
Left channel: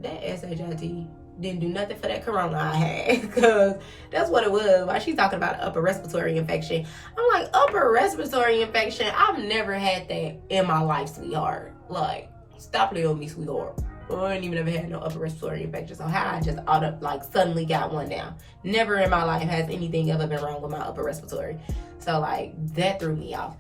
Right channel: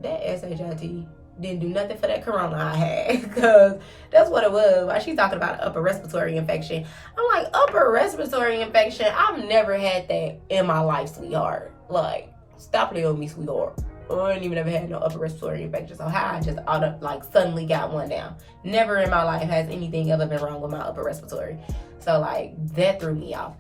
that SHIT didn't do nothing for that Corona I had, because that's what it was. Why she talking about upper respiratory infection? I'm like, upper respiratory infection? I've never had that in my life, sweetheart. Like, stop it on me, sweetheart. I ain't even ever had no upper respiratory infection. So how I just suddenly got one down. Never in my life has anything ever been wrong with my upper respiratory. So like, that threw me off.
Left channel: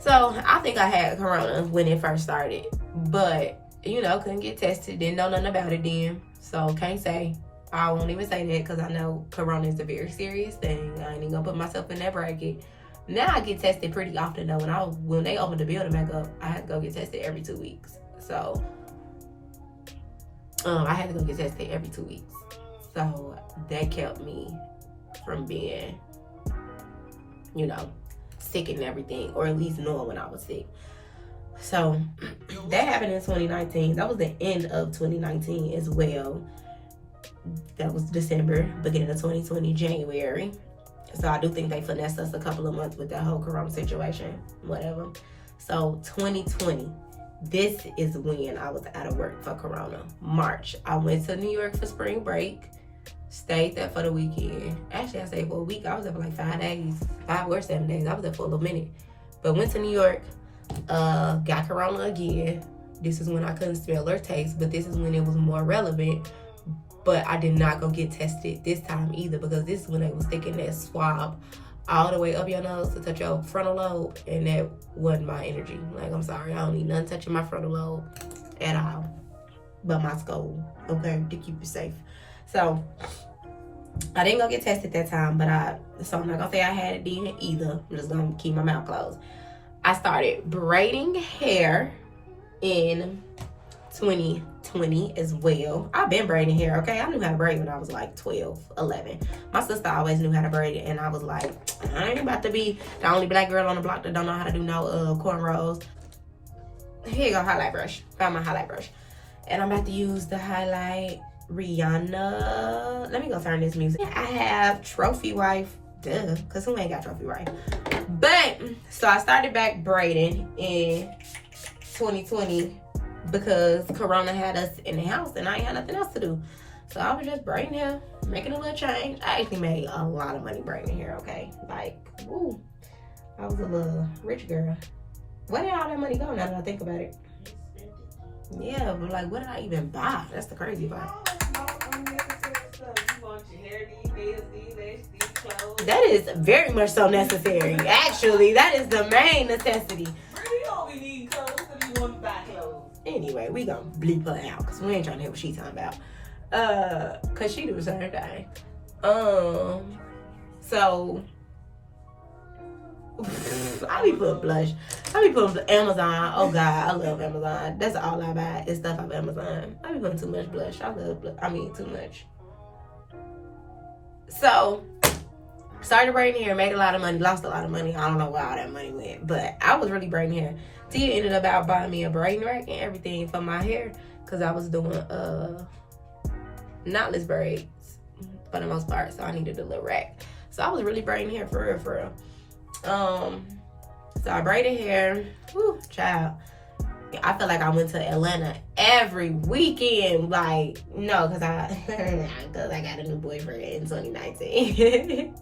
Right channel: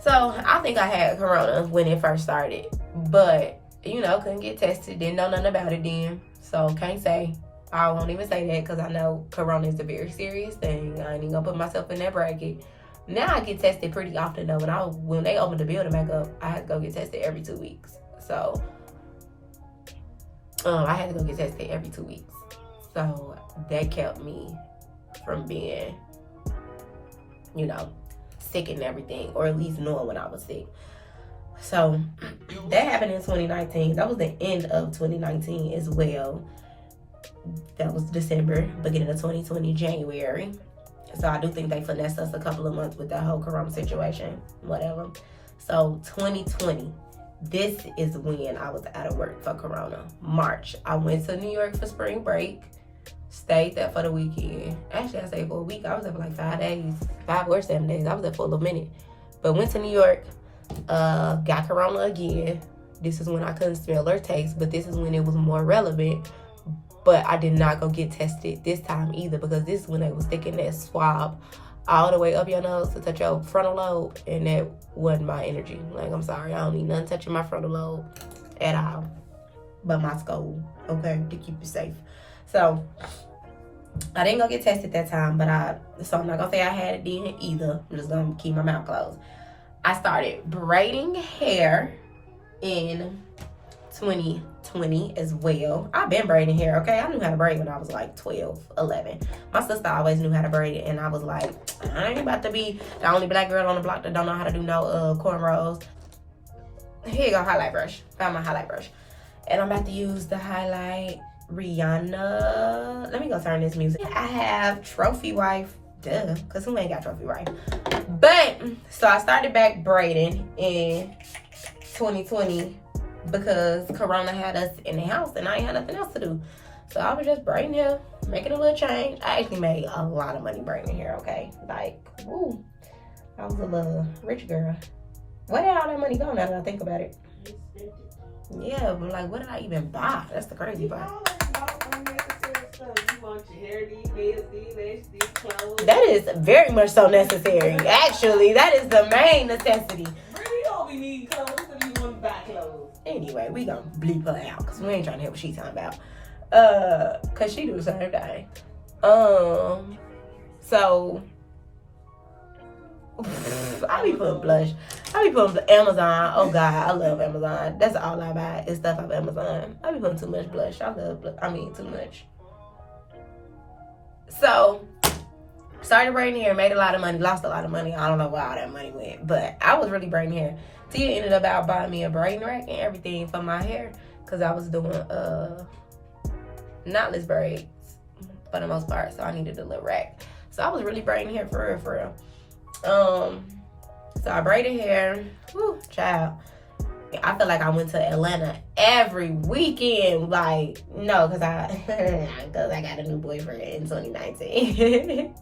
So I think I had Corona when it first started, but you know, couldn't get tested, didn't know nothing about it then. So can't say. I won't even say that, because I know Corona is a very serious thing. I ain't even gonna put myself in that bracket. Now I get tested pretty often though. When they opened the building back up, I had to go get tested every 2 weeks. So I had to go get tested every 2 weeks. So that kept me from being, you know, sick and everything, or at least knowing when I was sick. So that happened in 2019. That was the end of 2019 as well. That was December, beginning of 2020, January. So I do think they finessed us a couple of months with that whole Corona situation, whatever. So 2020, this is when I was out of work for Corona. March, I went to New York for spring break. Stayed there for the weekend. Actually, I stayed for a week. I was there for like 5 days, 5 or 7 days. I was there for a little minute. But went to New York, got Corona again. This is when I couldn't smell or taste, but this is when it was more relevant. But I did not go get tested this time either, because this is when they was sticking that swab all the way up your nose to touch your frontal lobe, and that wasn't my energy. Like, I'm sorry, I don't need nothing touching my frontal lobe at all, but my skull, okay, to keep it safe. So I didn't go get tested that time, so I'm not gonna say I had it then either. I'm just gonna keep my mouth closed. I started braiding hair in 2020 as well. I've been braiding hair, okay? I knew how to braid when I was like 12, 11. My sister always knew how to braid it, and I was like, I ain't about to be the only black girl on the block that don't know how to do no cornrows. Here you go, highlight brush. Found my highlight brush. And I'm about to use the highlight Rihanna. Let me go turn this music. I have Trophy Wife. Duh, because who ain't got Trophy Wife? But, so I started back braiding in 2020 because Corona had us in the house and I ain't had nothing else to do. So I was just braiding hair, making a little change. I actually made a lot of money braiding hair, okay? Like, ooh, I was a little rich girl. Where did all that money go now that I think about it? Yeah, but like, what did I even buy? That's the crazy part. That is very much so necessary. Actually, that is the main necessity. Really don't be needing clothes if you want to buy clothes. Anyway, we gonna bleep her out because we ain't trying to hear what she's talking about. Cause she do the same thing. So I be putting blush. I be putting Amazon. Oh God, I love Amazon. That's all I buy is stuff off Amazon. I be putting too much blush. I love blush. I mean, too much. So, started braiding hair, made a lot of money, lost a lot of money. I don't know where all that money went, but I was really braiding hair. Tia ended up out buying me a braiding rack and everything for my hair because I was doing knotless braids for the most part, so I needed a little rack. So I was really braiding hair for real, for real. So I braided hair. Whew, child. I feel like I went to Atlanta every weekend. Like, no, because I got a new boyfriend in 2019.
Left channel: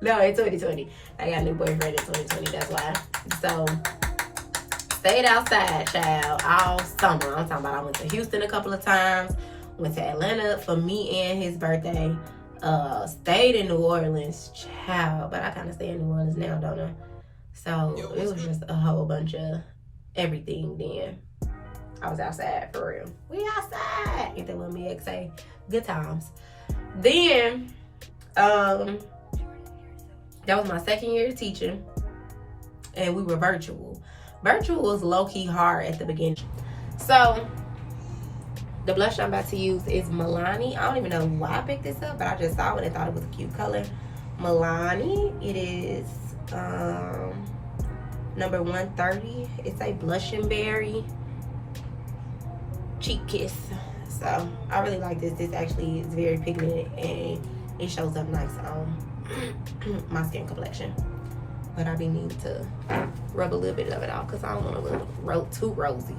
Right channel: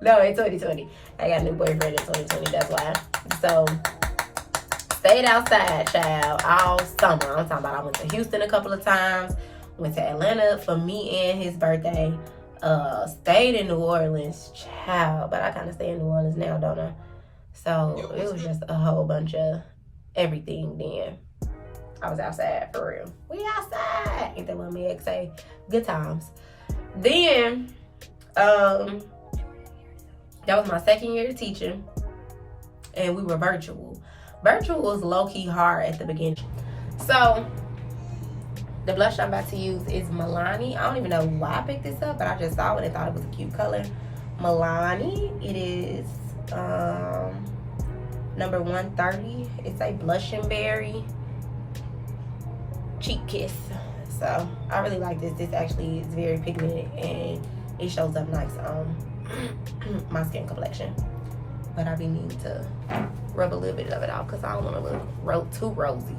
No, in 2020. I got a new boyfriend in 2020. That's why. So, stayed outside, child, all summer. I'm talking about I went to Houston a couple of times. Went to Atlanta for me and his birthday. Stayed in New Orleans, child. But I kind of stay in New Orleans now, don't I? So, it was just a whole bunch of everything then. I was outside for real. We outside. Ain't that what me ex say? Good times. Then, that was my second year of teaching. And we were virtual. Virtual was low-key hard at the beginning. So, the blush I'm about to use is Milani. I don't even know why I picked this up, but I just saw it and thought it was a cute color. Milani. It is, number 130. It's a blush and berry cheek kiss. So I really like this. This actually is very pigmented and it shows up nice on my skin complexion. But I be needing to rub a little bit of it off because I don't want to look too rosy.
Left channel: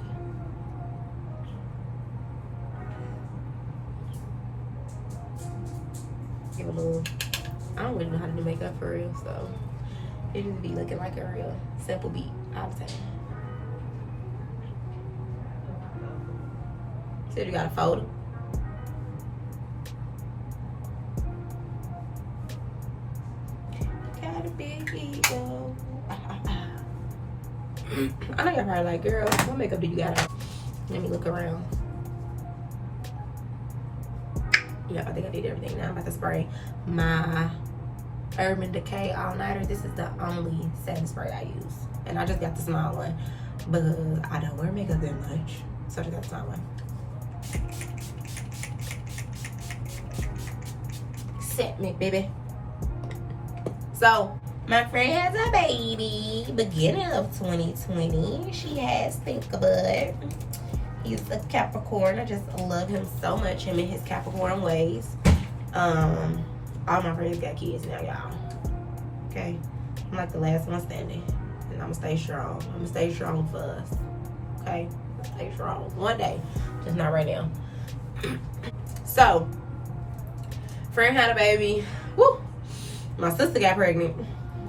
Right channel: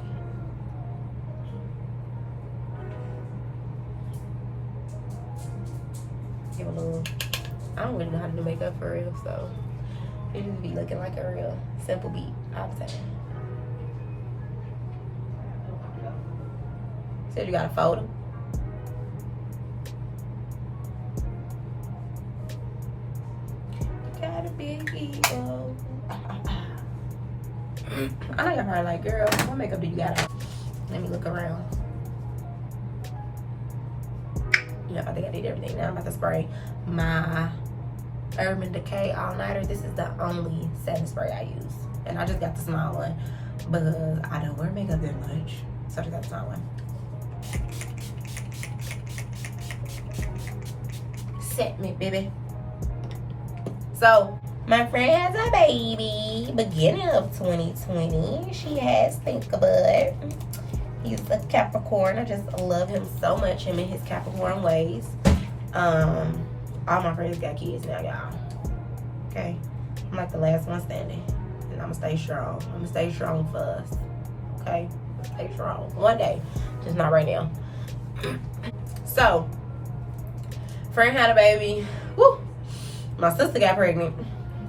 Give a little. I don't really know how to do makeup for real, so it just be looking like a real simple beat all the time. Said you got a folder. You got a big ego. I know you're probably like, girl, what makeup do you got on? Let me look around. Yeah, I think I did everything. Now I'm about to spray my Urban Decay All-Nighter. This is the only setting spray I use. And I just got the small one because I don't wear makeup that much. So I just got the small one. Set me, baby. So, my friend has a baby beginning of 2020. She has Thinkabud. He's a Capricorn. I just love him so much, him and his Capricorn ways. All my friends got kids now, y'all. Okay? I'm like the last one standing. And I'm gonna stay strong. I'm gonna stay strong for us. Okay? Stay strong. One day. Just not right now. So, friend had a baby. Woo! My sister got pregnant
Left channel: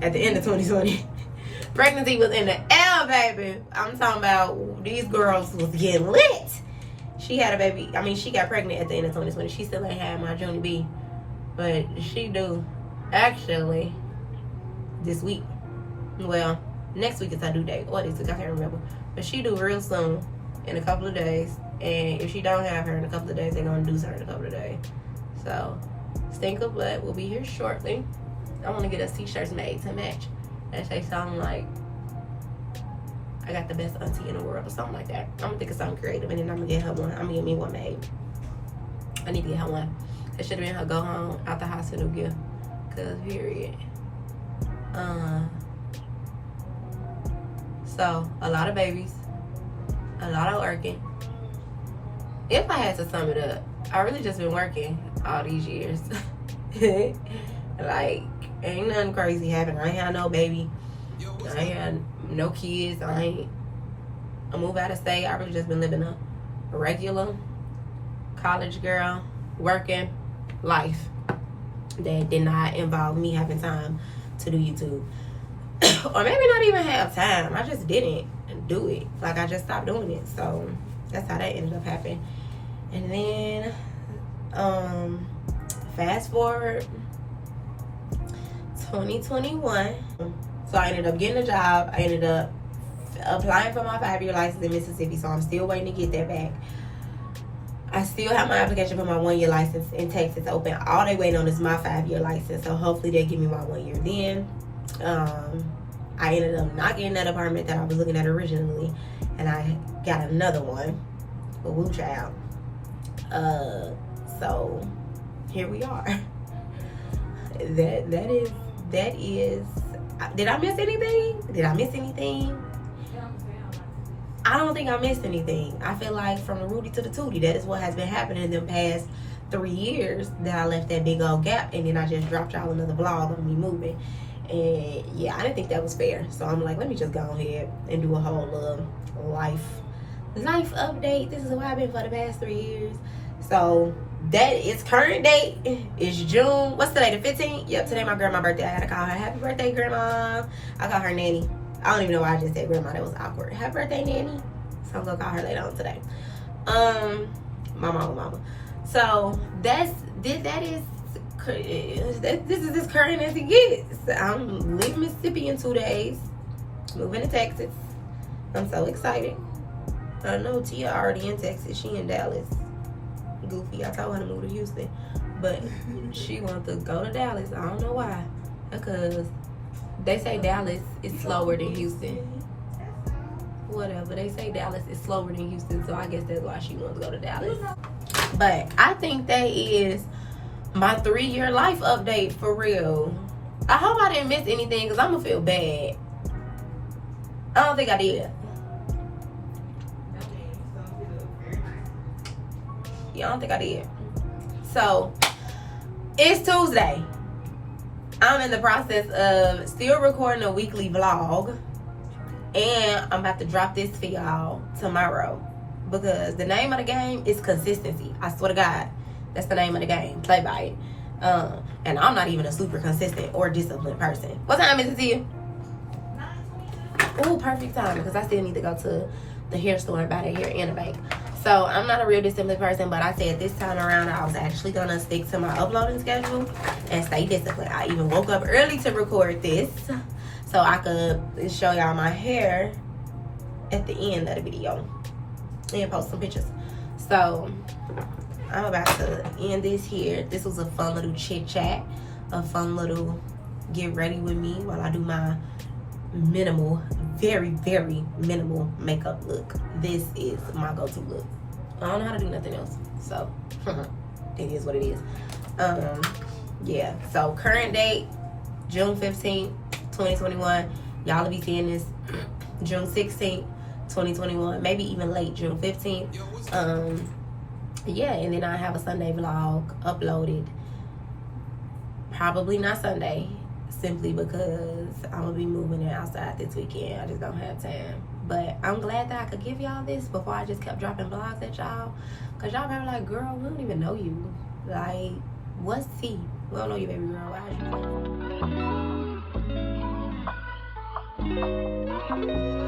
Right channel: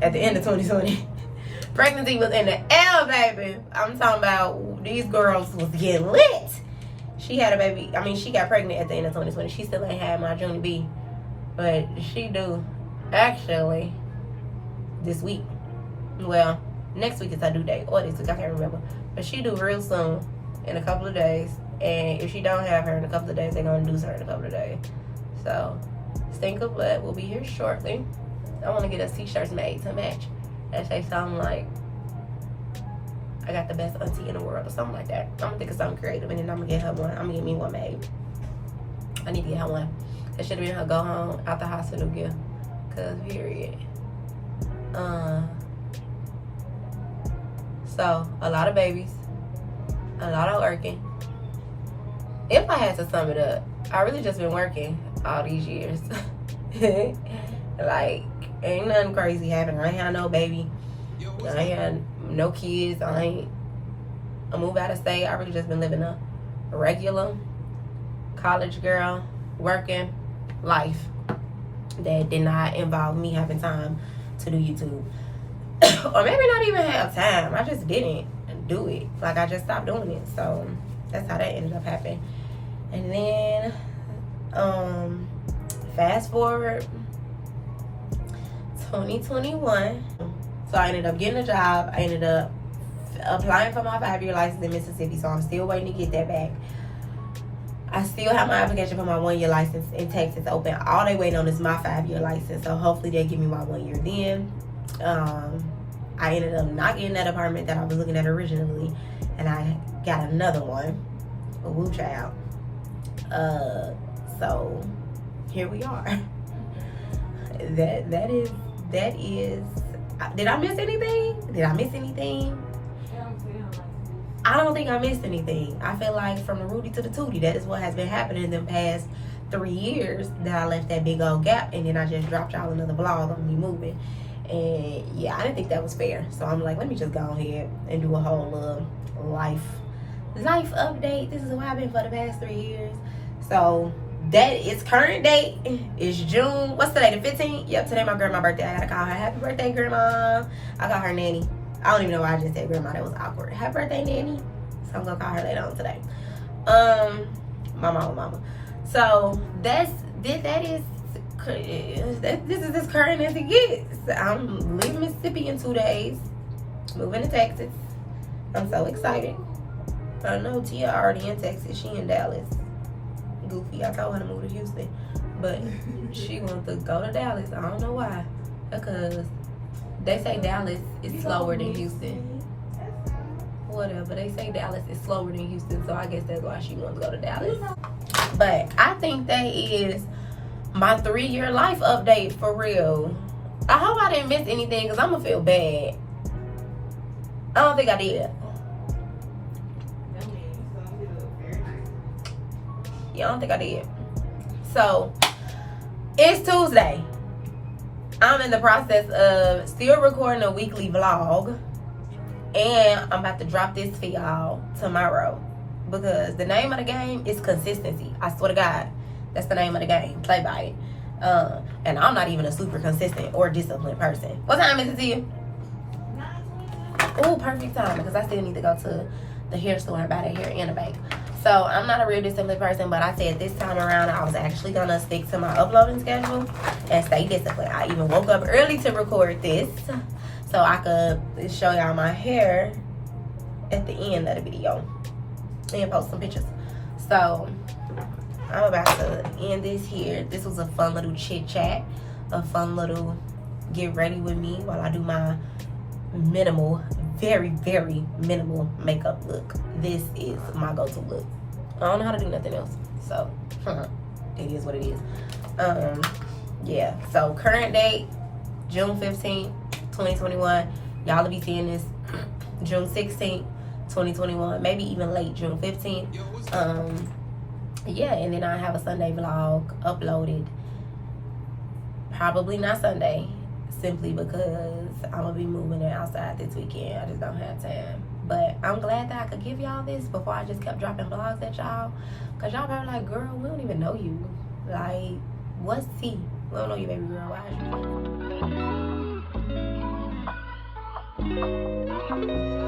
at the end of 2020. Pregnancy was in the air, baby. I'm talking about these girls was getting lit. She had a baby. I mean, she got pregnant at the end of 2020. She still ain't had my Junior B. But she do actually this week. Well, next week is her due date. Or this week, I can't remember. But she do real soon in a couple of days. And if she don't have her in a couple of days, they're gonna induce her in a couple of days. So Stink of Blood will be here shortly. I want to get us t-shirts made to match that say something like, I got the best auntie in the world, or something like that. I'm gonna think of something creative, and then I'm gonna get her one. I'm gonna get me one made. I need to get her one. That should have been her go home out the hospital gift. Cause period. So a lot of babies, a lot of working. If I had to sum it up, I really just been working all these years. Like, ain't nothing crazy happening. I ain't had no baby. I ain't had no kids. I moved out of state. I really just been living a regular college girl working life that did not involve me having time to do YouTube. Or maybe not even have time. I just didn't do it. Like, I just stopped doing it. So that's how that ended up happening. And then fast forward 2021. So I ended up getting a job. I ended up applying for my 5-year license in Mississippi. So I'm still waiting to get that back. I still have my application for my 1-year license in Texas open. All they waiting on is my 5-year license. So hopefully they'll give me my 1 year then. I ended up not getting that apartment that I was looking at originally. And I got another one. A woo child. So here we are. That is. Did I miss anything? I don't think I missed anything. I feel like from the Rudy to the Tootie, that is what has been happening in the past 3 years that I left that big old gap, and then I just dropped y'all another vlog on me moving. And yeah, I didn't think that was fair. So I'm like, let me just go ahead and do a whole life update. This is what I've been for the past 3 years. So that is current date is June. What's today? The 15th? Yep, today my grandma's birthday. I gotta call her happy birthday, grandma. I call her nanny. I don't even know why I just said grandma. That was awkward. Happy birthday, nanny. So I'm gonna call her later on today. My mama. So that is this is as current as it gets. I'm leaving Mississippi in 2 days. Moving to Texas. I'm so excited. I know Tia already in Texas. She in Dallas. Goofy. I told her to move to Houston, but she wants to go to Dallas. I don't know why. Because they say Dallas is slower than Houston. Whatever. They say Dallas is slower than Houston, so I guess that's why she wants to go to Dallas. But I think that is my 3-year life update for real. I hope I didn't miss anything because I'm going to feel bad. I don't think I did. Yeah, I don't think I did. So, it's Tuesday. I'm in the process of still recording a weekly vlog. And I'm about to drop this for y'all tomorrow. Because the name of the game is consistency. I swear to God, that's the name of the game. Play by it. And I'm not even a super consistent or disciplined person. What time is it to you? Oh, perfect time. Because I still need to go to the hair store and buy the hair and a bank. So I'm not a real disciplined person, but I said this time around I was actually gonna stick to my uploading schedule and stay disciplined. I even woke up early to record this so I could show y'all my hair at the end of the video and post some pictures. So I'm about to end this here. This was a fun little chit chat, a fun little get ready with me while I do my minimal, very, very minimal makeup look. This is my go-to look. I don't know how to do nothing else, so it is what it is. Yeah, so current date June 15th 2021. Y'all will be seeing this June 16th 2021, maybe even late June 15th. Yeah, and then I have a Sunday vlog uploaded, probably not Sunday, simply because I'm gonna be moving it outside this weekend. I just don't have time. But I'm glad that I could give y'all this before I just kept dropping vlogs at y'all. Cause y'all probably like, girl, we don't even know you. Like, what's tea? We don't know you, baby girl. Why are you?